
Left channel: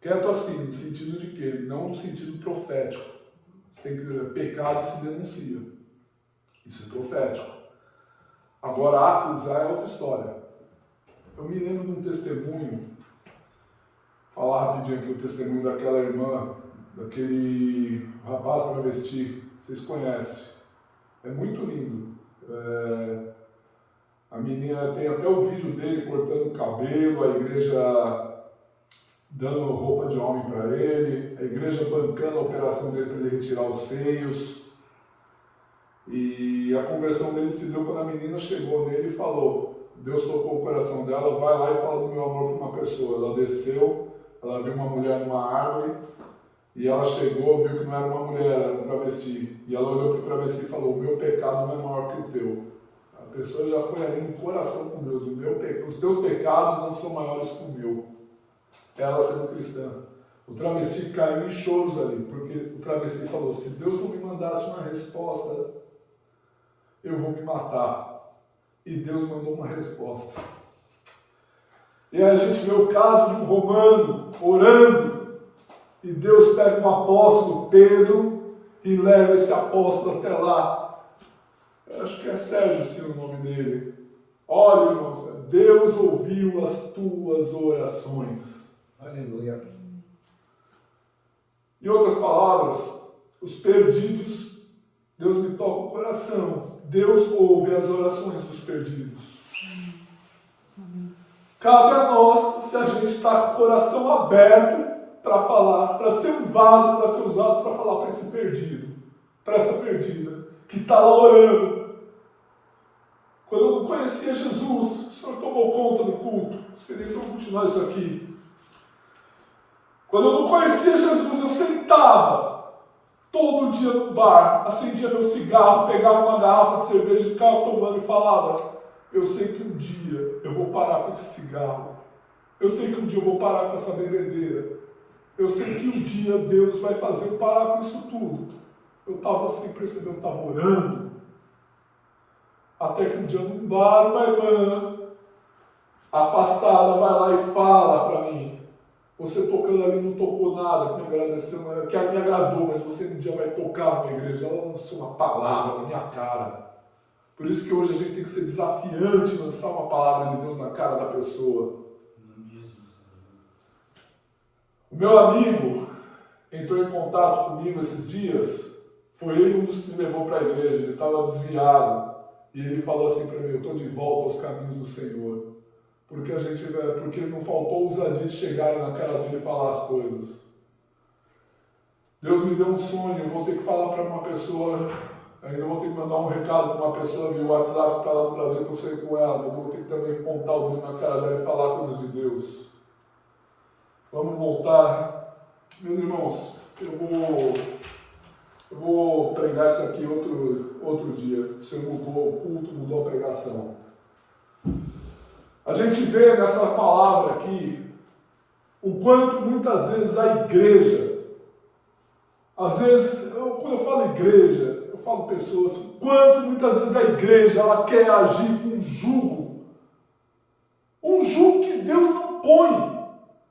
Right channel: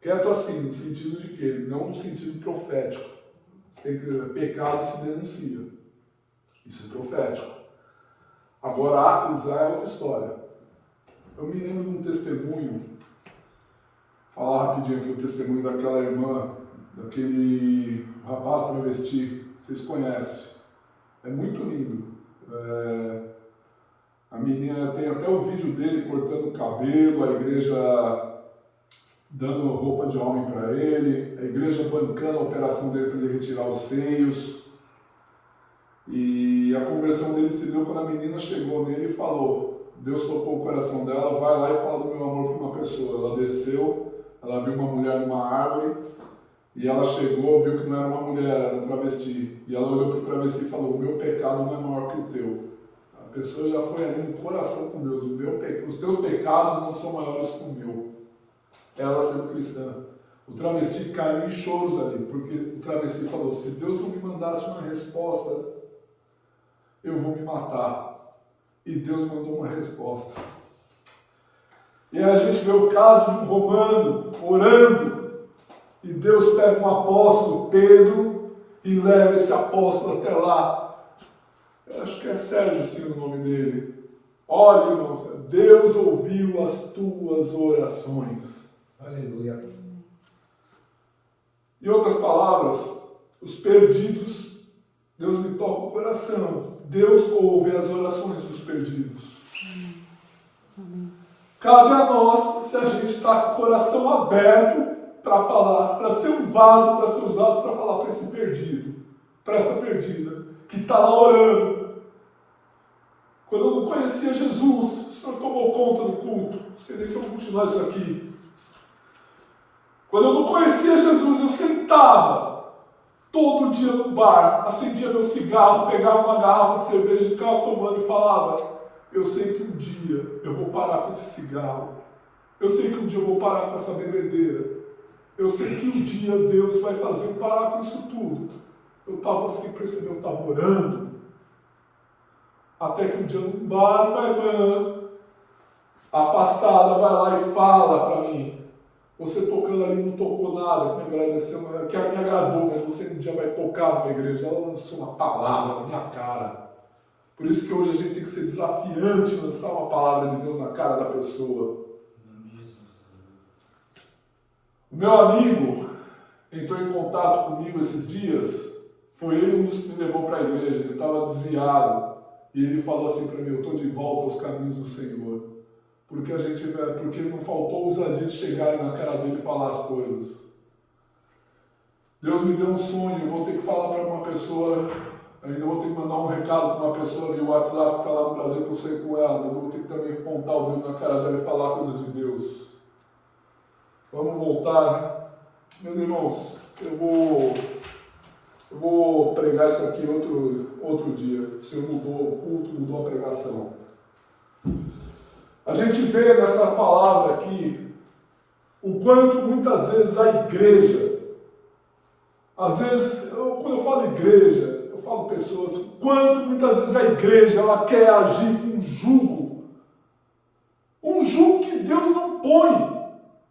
Quieto assim, no sentido de quê? Não no sentido profético. Você tem que, pecado se denuncia. Isso é profético. Agora, acusar é outra história. Eu me lembro de um testemunho, falar rapidinho aqui o testemunho daquela irmã, daquele rapaz travesti, vocês conhecem. É muito lindo. A menina tem até o vídeo dele cortando o cabelo, a igreja dando roupa de homem para ele, a igreja bancando a operação dele para ele retirar os seios. E a conversão dele se deu quando a menina chegou nele e falou, Deus tocou o coração dela, vai lá e fala do meu amor para uma pessoa. Ela desceu, ela viu uma mulher numa árvore, e ela chegou, viu que não era uma mulher, era um travesti. E ela olhou para o travesti e falou, o meu pecado não é maior que o teu. A pessoa já foi ali no coração com Deus, os teus pecados não são maiores que o meu. Ela sendo cristã. O travesti caiu em choros ali, porque o travesti falou, se Deus não me mandasse uma resposta, eu vou me matar. E Deus mandou uma resposta. E aí a gente vê o caso de um romano orando, e Deus pega um apóstolo, Pedro, e leva esse apóstolo até lá. Eu acho que é Sérgio assim o nome dele. Olha, irmãos, Deus ouviu as tuas orações. Aleluia. Em outras palavras, os perdidos, Deus me toca o coração. Deus ouve as orações dos perdidos. Amém. Cabe a nós, se a gente está com o coração aberto para falar, para ser um vaso, para ser usado para falar para esse perdido, para essa perdida, que está lá orando. Quando eu não conhecia Jesus, o Senhor tomou conta do culto. Não sei nem se eu vou continuar isso aqui. Quando eu não conhecia Jesus, eu sentava todo dia no bar, acendia meu cigarro, pegava uma garrafa de cerveja e ficava tomando e falava, eu sei que um dia eu vou parar com esse cigarro. Eu sei que um dia eu vou parar com essa bebedeira. Eu sei que um dia Deus vai fazer eu parar com isso tudo. Eu estava assim, percebendo, eu estava orando. Até que um dia num bar, uma irmã afastada vai lá e fala para mim, você tocando ali não tocou nada, que me agradeceu, que me agradou, mas você um dia vai tocar numa igreja. Ela lançou uma palavra na minha cara. Por isso que hoje a gente tem que ser desafiante, lançar uma palavra de Deus na cara da pessoa. O meu amigo entrou em contato comigo esses dias, foi ele um dos que me levou para a igreja, ele estava desviado, e ele falou assim para mim, eu estou de volta aos caminhos do Senhor. Porque não faltou ousadia de chegar na cara dele e falar as coisas. Deus me deu um sonho, eu vou ter que falar para uma pessoa, ainda vou ter que mandar um recado para uma pessoa via WhatsApp que está lá no Brasil, que eu sonhei com ela, mas eu vou ter que também apontar o dedo na cara dela e falar coisas de Deus. Vamos voltar. Meus irmãos, eu vou pregar isso aqui outro dia. O Senhor mudou o culto, mudou a pregação. A gente vê nessa palavra aqui o quanto muitas vezes a igreja, às vezes, quando eu falo igreja, eu falo pessoas, o quanto muitas vezes a igreja ela quer agir com um jugo que Deus não põe.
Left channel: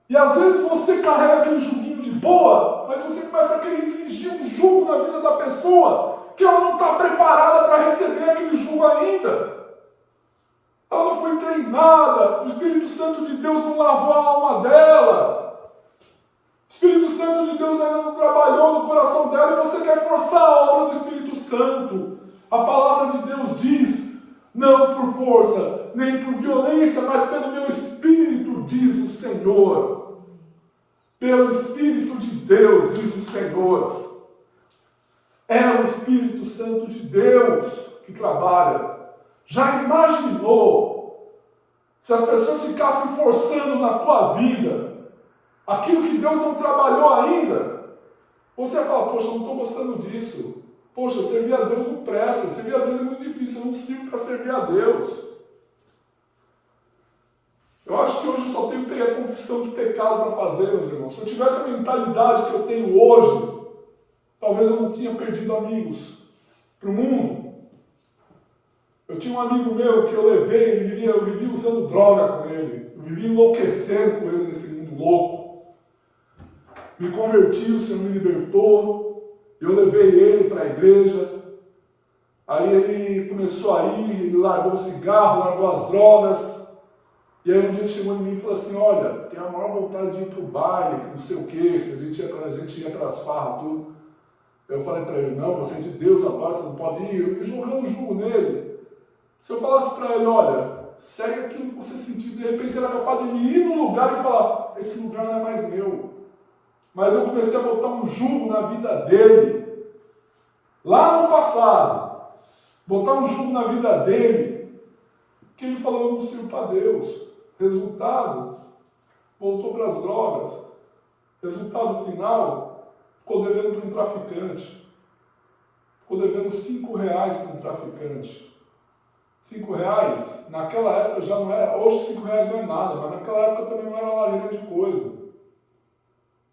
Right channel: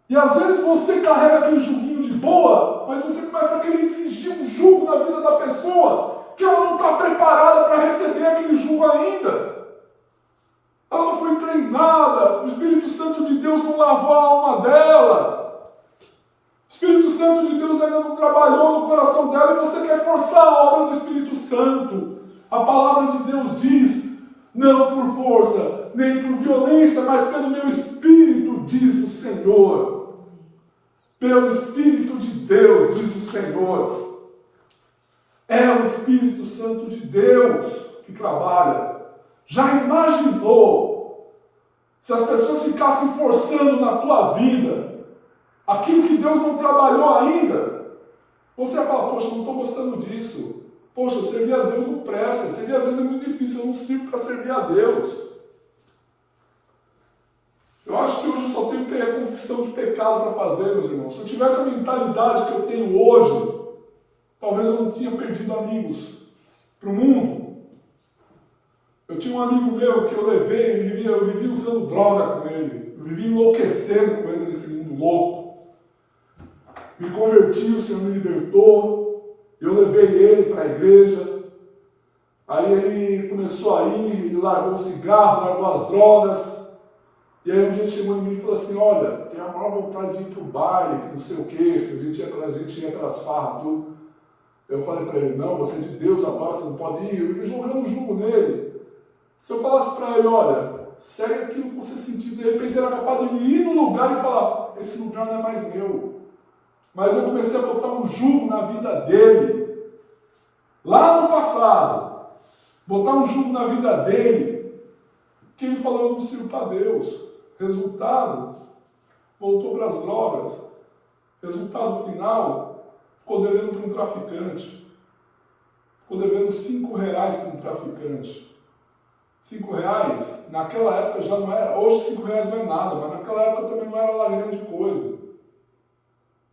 E às vezes você carrega aquele juguinho de boa, mas você começa a querer exigir um jugo na vida da pessoa, que ela não está preparada para receber aquele jugo ainda. Ela não foi treinada, o Espírito Santo de Deus não lavou a alma dela. O Espírito Santo de Deus ainda não trabalhou no coração dela e você quer forçar a obra do Espírito Santo. A palavra de Deus diz, não por força, nem por violência, mas pelo meu Espírito, diz o Senhor. Pelo Espírito de Deus, diz o Senhor. É o Espírito Santo de Deus que trabalha. Já imaginou se as pessoas ficassem forçando na tua vida aquilo que Deus não trabalhou ainda? Você vai falar, poxa, eu não estou gostando disso. Poxa, servir a Deus não presta. Servir a Deus é muito difícil, eu não sirvo para servir a Deus. Eu acho que hoje eu só tenho a confissão de pecado para fazer, meus irmãos. Se eu tivesse a mentalidade que eu tenho hoje, talvez eu não tinha perdido amigos para o mundo. Eu tinha um amigo meu que eu levei, eu vivia usando droga com ele, eu vivia enlouquecendo com ele nesse mundo louco. Me converti, o Senhor me libertou, eu levei ele para a igreja, aí ele começou a ir, ele largou o cigarro, largou as drogas, e aí um dia ele chegou em mim e falou assim, olha, tenho a maior vontade de ir para o baile, que não sei o quê, que a gente ia para as farras, tudo. Eu falei para ele, não, você é de Deus agora, você não pode ir, e jogando um jugo nele. Se eu falasse para ele, olha, segue aquilo que você sentiu, de repente ele era capaz de ele ir no lugar e falar, esse lugar não é mais meu. Mas eu comecei a botar um jugo na vida dele, lá no passado, botar um jugo na vida dele, que ele falou, eu não sirvo para Deus. Resultado, voltou para as drogas. Resultado final, ficou devendo para um traficante. Ficou devendo R$5 para um traficante. R$5, naquela época já não era, hoje R$5 não é nada, mas naquela época também não era lá grande coisa.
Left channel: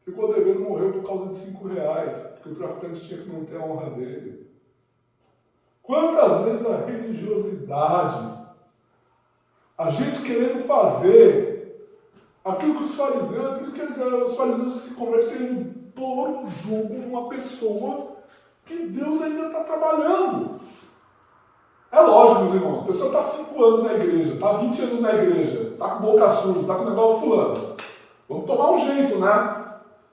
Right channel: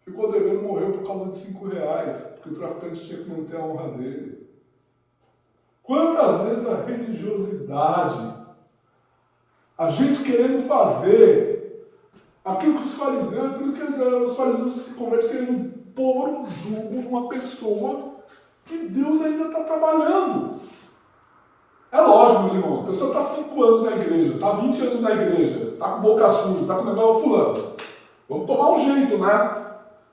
Ficou devendo, morreu por causa de R$5, porque o traficante tinha que manter a honra dele. Quantas vezes a religiosidade, a gente querendo fazer aquilo que os fariseus, por isso que os fariseus se convertem querendo pôr um jugo numa pessoa que Deus ainda está trabalhando. É lógico, meus irmãos, a pessoa está 5 anos na igreja, está 20 anos na igreja, está com boca suja, está com o negócio fulano. Vamos tomar um jeito, né?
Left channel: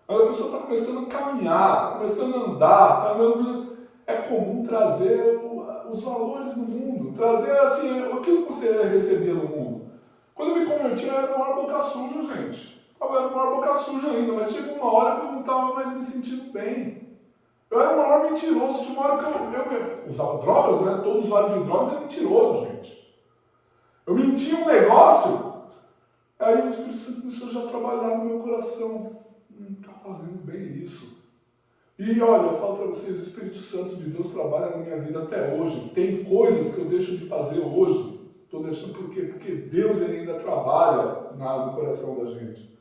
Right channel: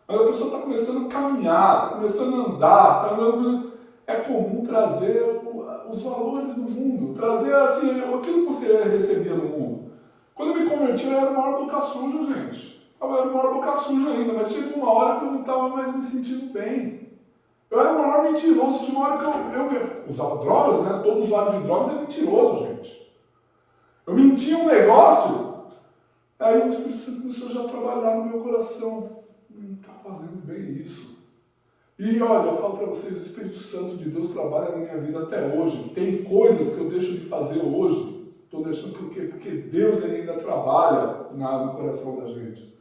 Mas a pessoa está começando a caminhar, está começando a andar, está andando. É comum trazer os valores do mundo, trazer assim, aquilo que você recebia no mundo. Quando eu me converti, eu era o maior boca suja, gente. Eu era o maior boca suja ainda, mas chegou uma hora que eu não estava mais me sentindo bem. Eu era o maior mentiroso, tinha uma hora que eu usava drogas, né? Todo usuário de drogas é mentiroso, gente. Eu mentia um negócio, aí o Espírito Santo começou já a trabalhar no meu coração. Não está fazendo bem isso. E olha, eu falo para vocês, o Espírito Santo de Deus trabalha na minha vida até hoje. Tem coisas que eu deixo de fazer hoje. Estou deixando por quê? Porque Deus ele ainda trabalha no coração da gente.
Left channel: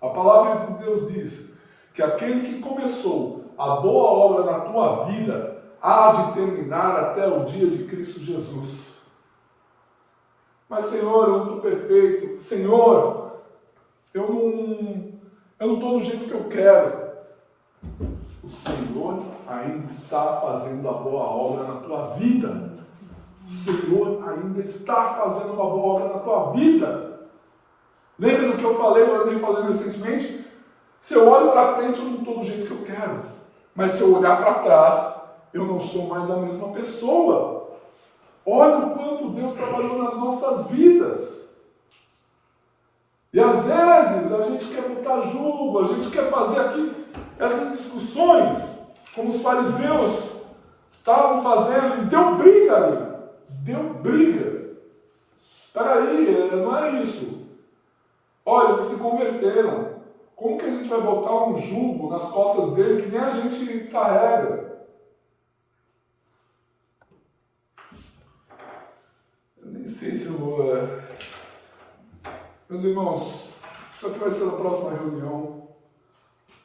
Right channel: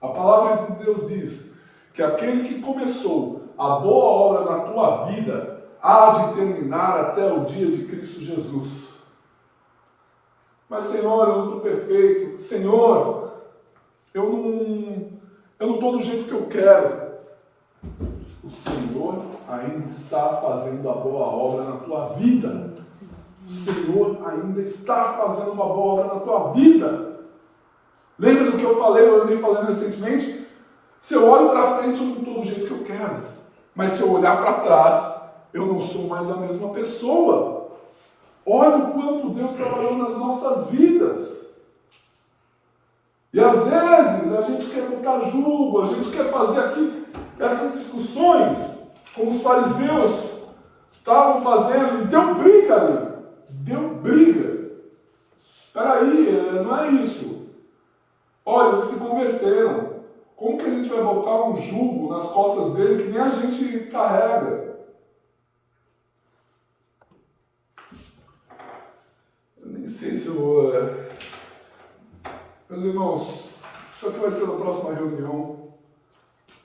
A palavra de Deus diz que aquele que começou a boa obra na tua vida há de terminar até o dia de Cristo Jesus. Mas Senhor, eu não estou perfeito. Senhor, eu não estou do jeito que eu quero. O Senhor ainda está fazendo a boa obra na tua vida. O Senhor ainda está fazendo uma boa obra na tua vida. Lembra do que eu falei, eu andei falando recentemente? Se eu olho para frente, eu não estou do jeito que eu quero. Mas se eu olhar para trás, eu não sou mais a mesma pessoa. Olha o quanto Deus trabalhou nas nossas vidas. E às vezes a gente quer botar jugo, a gente quer fazer aqui. essas discussões, como os fariseus estavam fazendo, e deu briga ali. Deu briga. Peraí, não é isso. Olha, eles se converteram. Como que a gente vai botar um jugo nas costas dele que nem a gente carrega? Eu nem sei se eu vou... Meus irmãos, isso aqui vai ser na próxima reunião,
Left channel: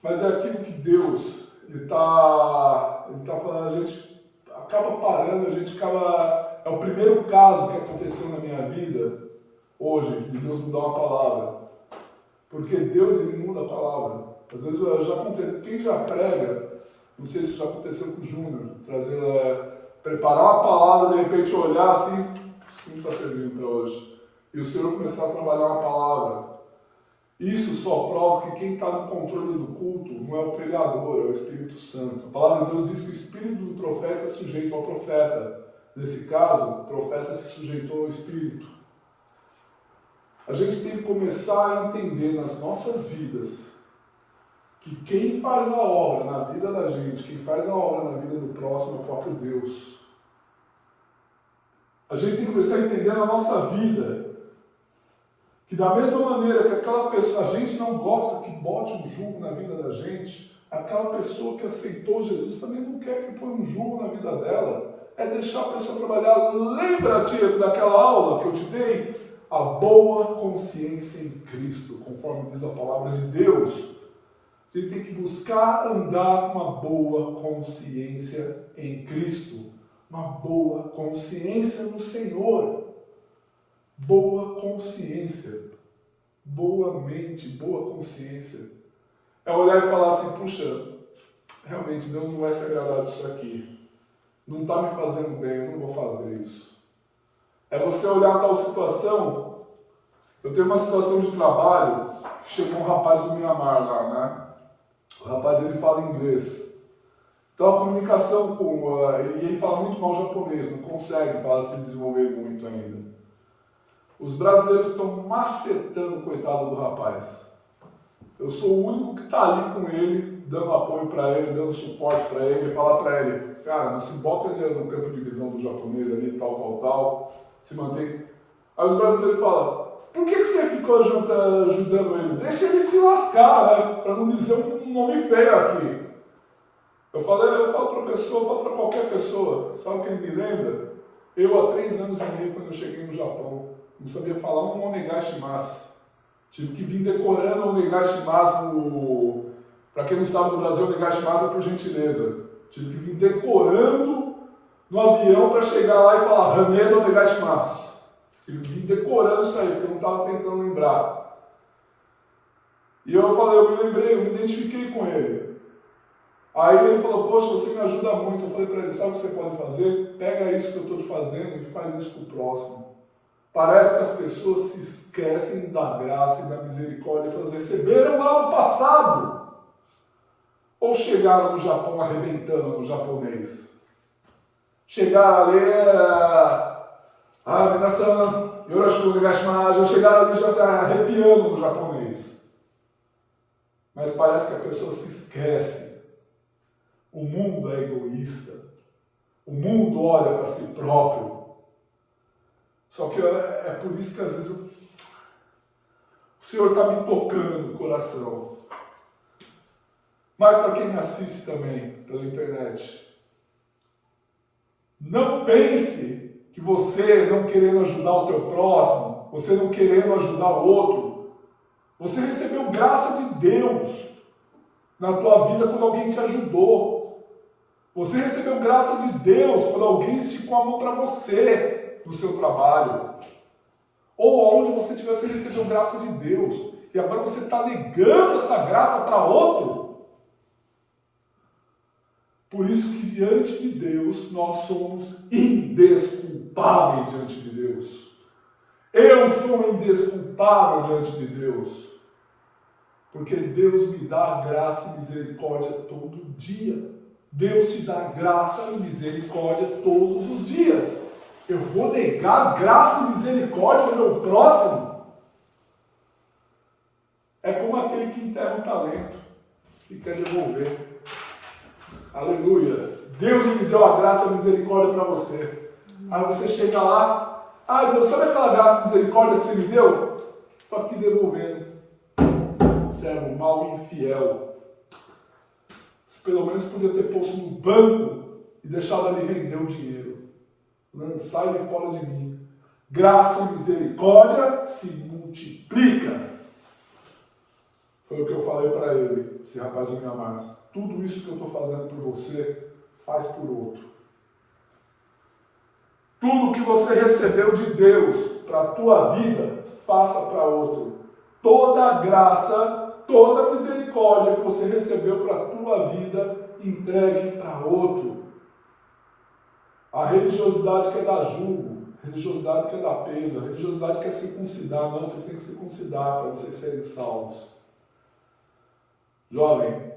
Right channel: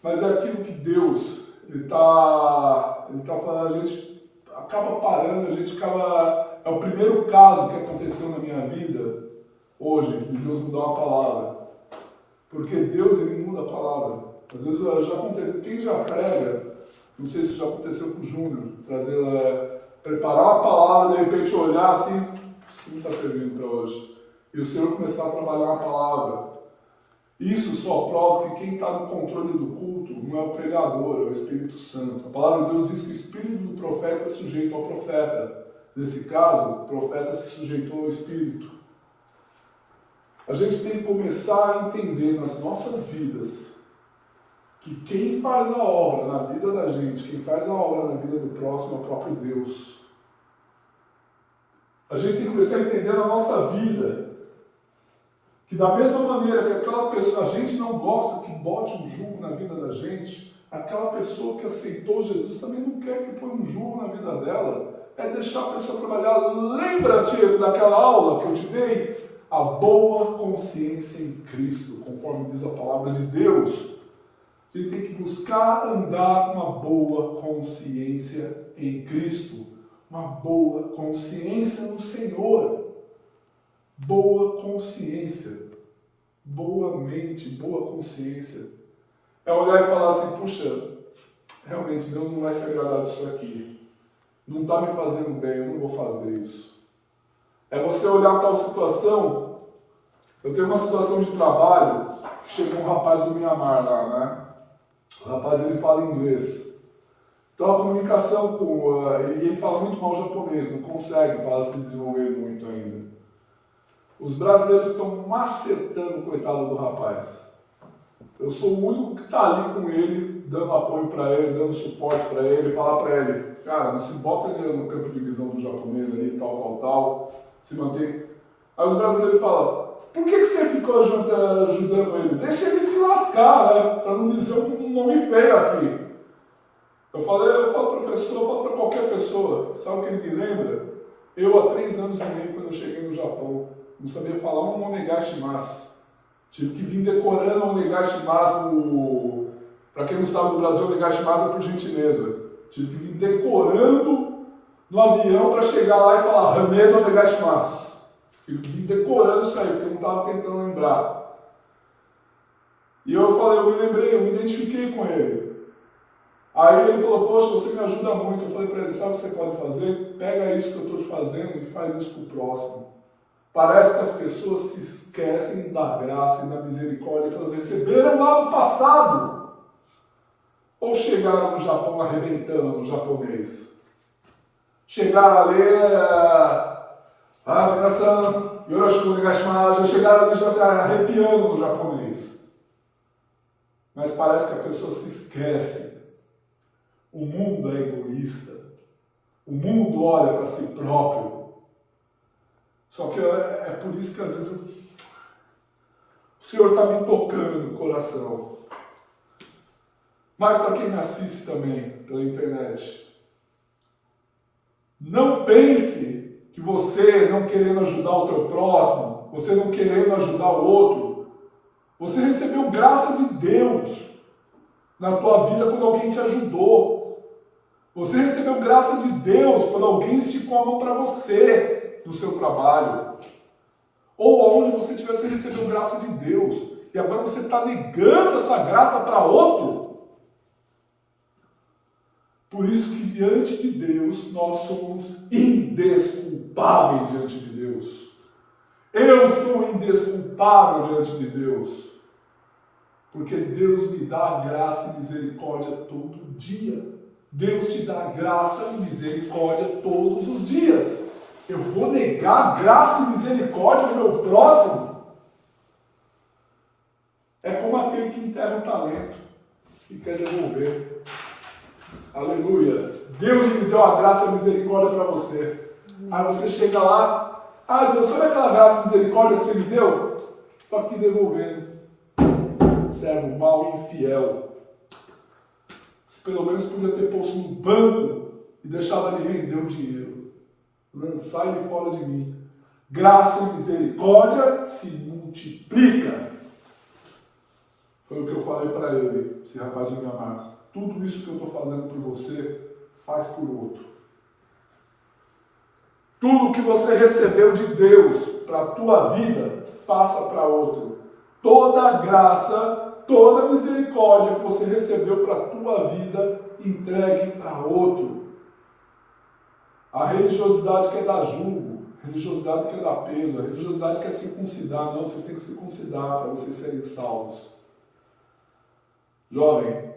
mas é aquilo que Deus, Ele tá falando, a gente acaba parando, é o primeiro caso que aconteceu na minha vida, hoje, de Deus mudar uma palavra, porque Deus, Ele muda a palavra. Às vezes já acontece, quem já prega, não sei se já aconteceu com o Júnior, preparar uma palavra, de repente olhar assim, isso não está servindo para hoje. E o Senhor começar a trabalhar uma palavra. Isso só prova que quem está no controle do culto não é o pregador, é o Espírito Santo. A palavra de Deus diz que o espírito do profeta é sujeito ao profeta. Nesse caso, o profeta se sujeitou ao Espírito. A gente tem que começar a entender nas nossas vidas que quem faz a obra na vida da gente, quem faz a obra na vida do próximo é o próprio Deus. A gente tem que começar a entender na nossa vida que da mesma maneira que aquela pessoa, a gente não gosta que bote um jugo na vida da gente, aquela pessoa que aceitou Jesus também não quer que ponha um jugo na vida dela. É deixar a pessoa trabalhar. Lembra-te daquela aula que eu te dei? A boa consciência em Cristo, conforme diz a palavra de Deus. A gente tem que buscar andar com uma boa consciência em Cristo. Uma boa consciência no Senhor. Boa consciência, boa mente, boa consciência. É olhar e falar assim, puxa, realmente Deus não vai se agradar disso aqui. Não está me fazendo bem, eu não vou fazer isso. É você olhar tal situação. Eu tenho uma situação de trabalho, que chegou um rapaz do Mianmar lá, né? O rapaz, ele fala inglês. Então a comunicação e ele fala muito mal japonês, não consegue se desenvolver muito ainda. Os brasileiros estão macetando o coitado do rapaz. Eu sou o único que está ali com ele, dando apoio para ele, dando suporte para ele, falar para ele, cara, não se bota ele no campo de visão do japonês ali, tal, se mantém. Aí os brasileiros falam, por que você ficou ajudando ele? Deixa ele se lascar, né? Para não dizer um nome feio aqui. Eu falo para a pessoa, eu falo para qualquer pessoa, sabe o que ele me lembra? Eu, há 3 anos e meio, quando eu cheguei no Japão, não sabia falar um onegaishimasu. Tive que vir decorando o onegaishimasu. Para quem não sabe, no Brasil, o onegaishimasu é por gentileza. Tive que vir decorando no avião para chegar lá e falar Haneda onegaishimasu. Tive que vir decorando isso aí, porque eu não estava tentando lembrar. E eu me lembrei, eu me identifiquei com ele. Aí ele falou, poxa, você me ajuda muito. Eu falei para ele, sabe o que você pode fazer? Pega isso que eu estou te fazendo e faz isso para o próximo. Parece que as pessoas se esquecem da graça e da misericórdia que elas receberam lá no passado. Ou chegaram no Japão arrebentando no japonês. Chegaram ali, minasan, yoroshiku onegaishimasu, chegaram ali já se arrepiando no japonês. Mas parece que a pessoa se esquece. O mundo é egoísta. O mundo olha para si próprio. Só que é por isso que às vezes o Senhor está me tocando no coração. Mas para quem me assiste também pela internet, não pense que você não querendo ajudar o teu próximo, você não querendo ajudar o outro, você recebeu graça de Deus na tua vida quando alguém te ajudou. Você recebeu graça de Deus quando alguém esticou a mão para você no seu trabalho, ou onde você estiver, você recebeu graça de Deus, e agora você está negando essa graça para outro. Por isso que diante de Deus, nós somos indesculpáveis diante de Deus. Eu sou indesculpável diante de Deus, porque Deus me dá graça e misericórdia todo dia. Deus te dá graça e misericórdia todos os dias. Eu vou negar graça e misericórdia ao meu próximo? É como aquele que enterra um talento. e quer devolver. Aleluia. Deus me deu a graça e a misericórdia para você. Aí você chega lá, Deus, sabe aquela graça e misericórdia que você me deu? Estou aqui devolvendo. Servo mau e infiel. Você pelo menos podia ter posto no banco e deixado ele render o dinheiro. Sai de fora de mim. Graça e misericórdia se multiplica. Foi o que eu falei para ele, esse rapaz não me amasse. Tudo isso que eu estou fazendo por você, faz por outro. Tudo que você recebeu de Deus para a tua vida, faça para outro. Toda graça, toda misericórdia que você recebeu para a tua vida, entregue para outro. A religiosidade quer dar jugo, a religiosidade quer dar peso, a religiosidade quer circuncidar. Não, vocês têm que circuncidar para vocês serem salvos. Jovem,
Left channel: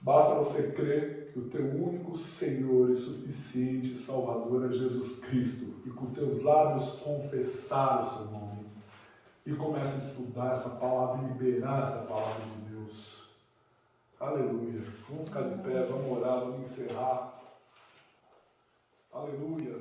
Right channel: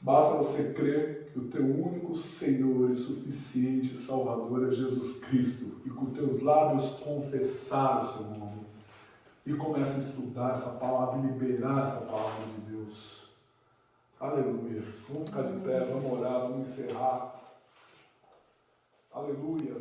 basta você crer que o teu único Senhor e suficiente Salvador é Jesus Cristo e com teus lábios confessar o seu nome e começa a estudar essa palavra e liberar essa palavra de Deus. Aleluia. Vamos ficar de pé, vamos orar, vamos encerrar. Aleluia.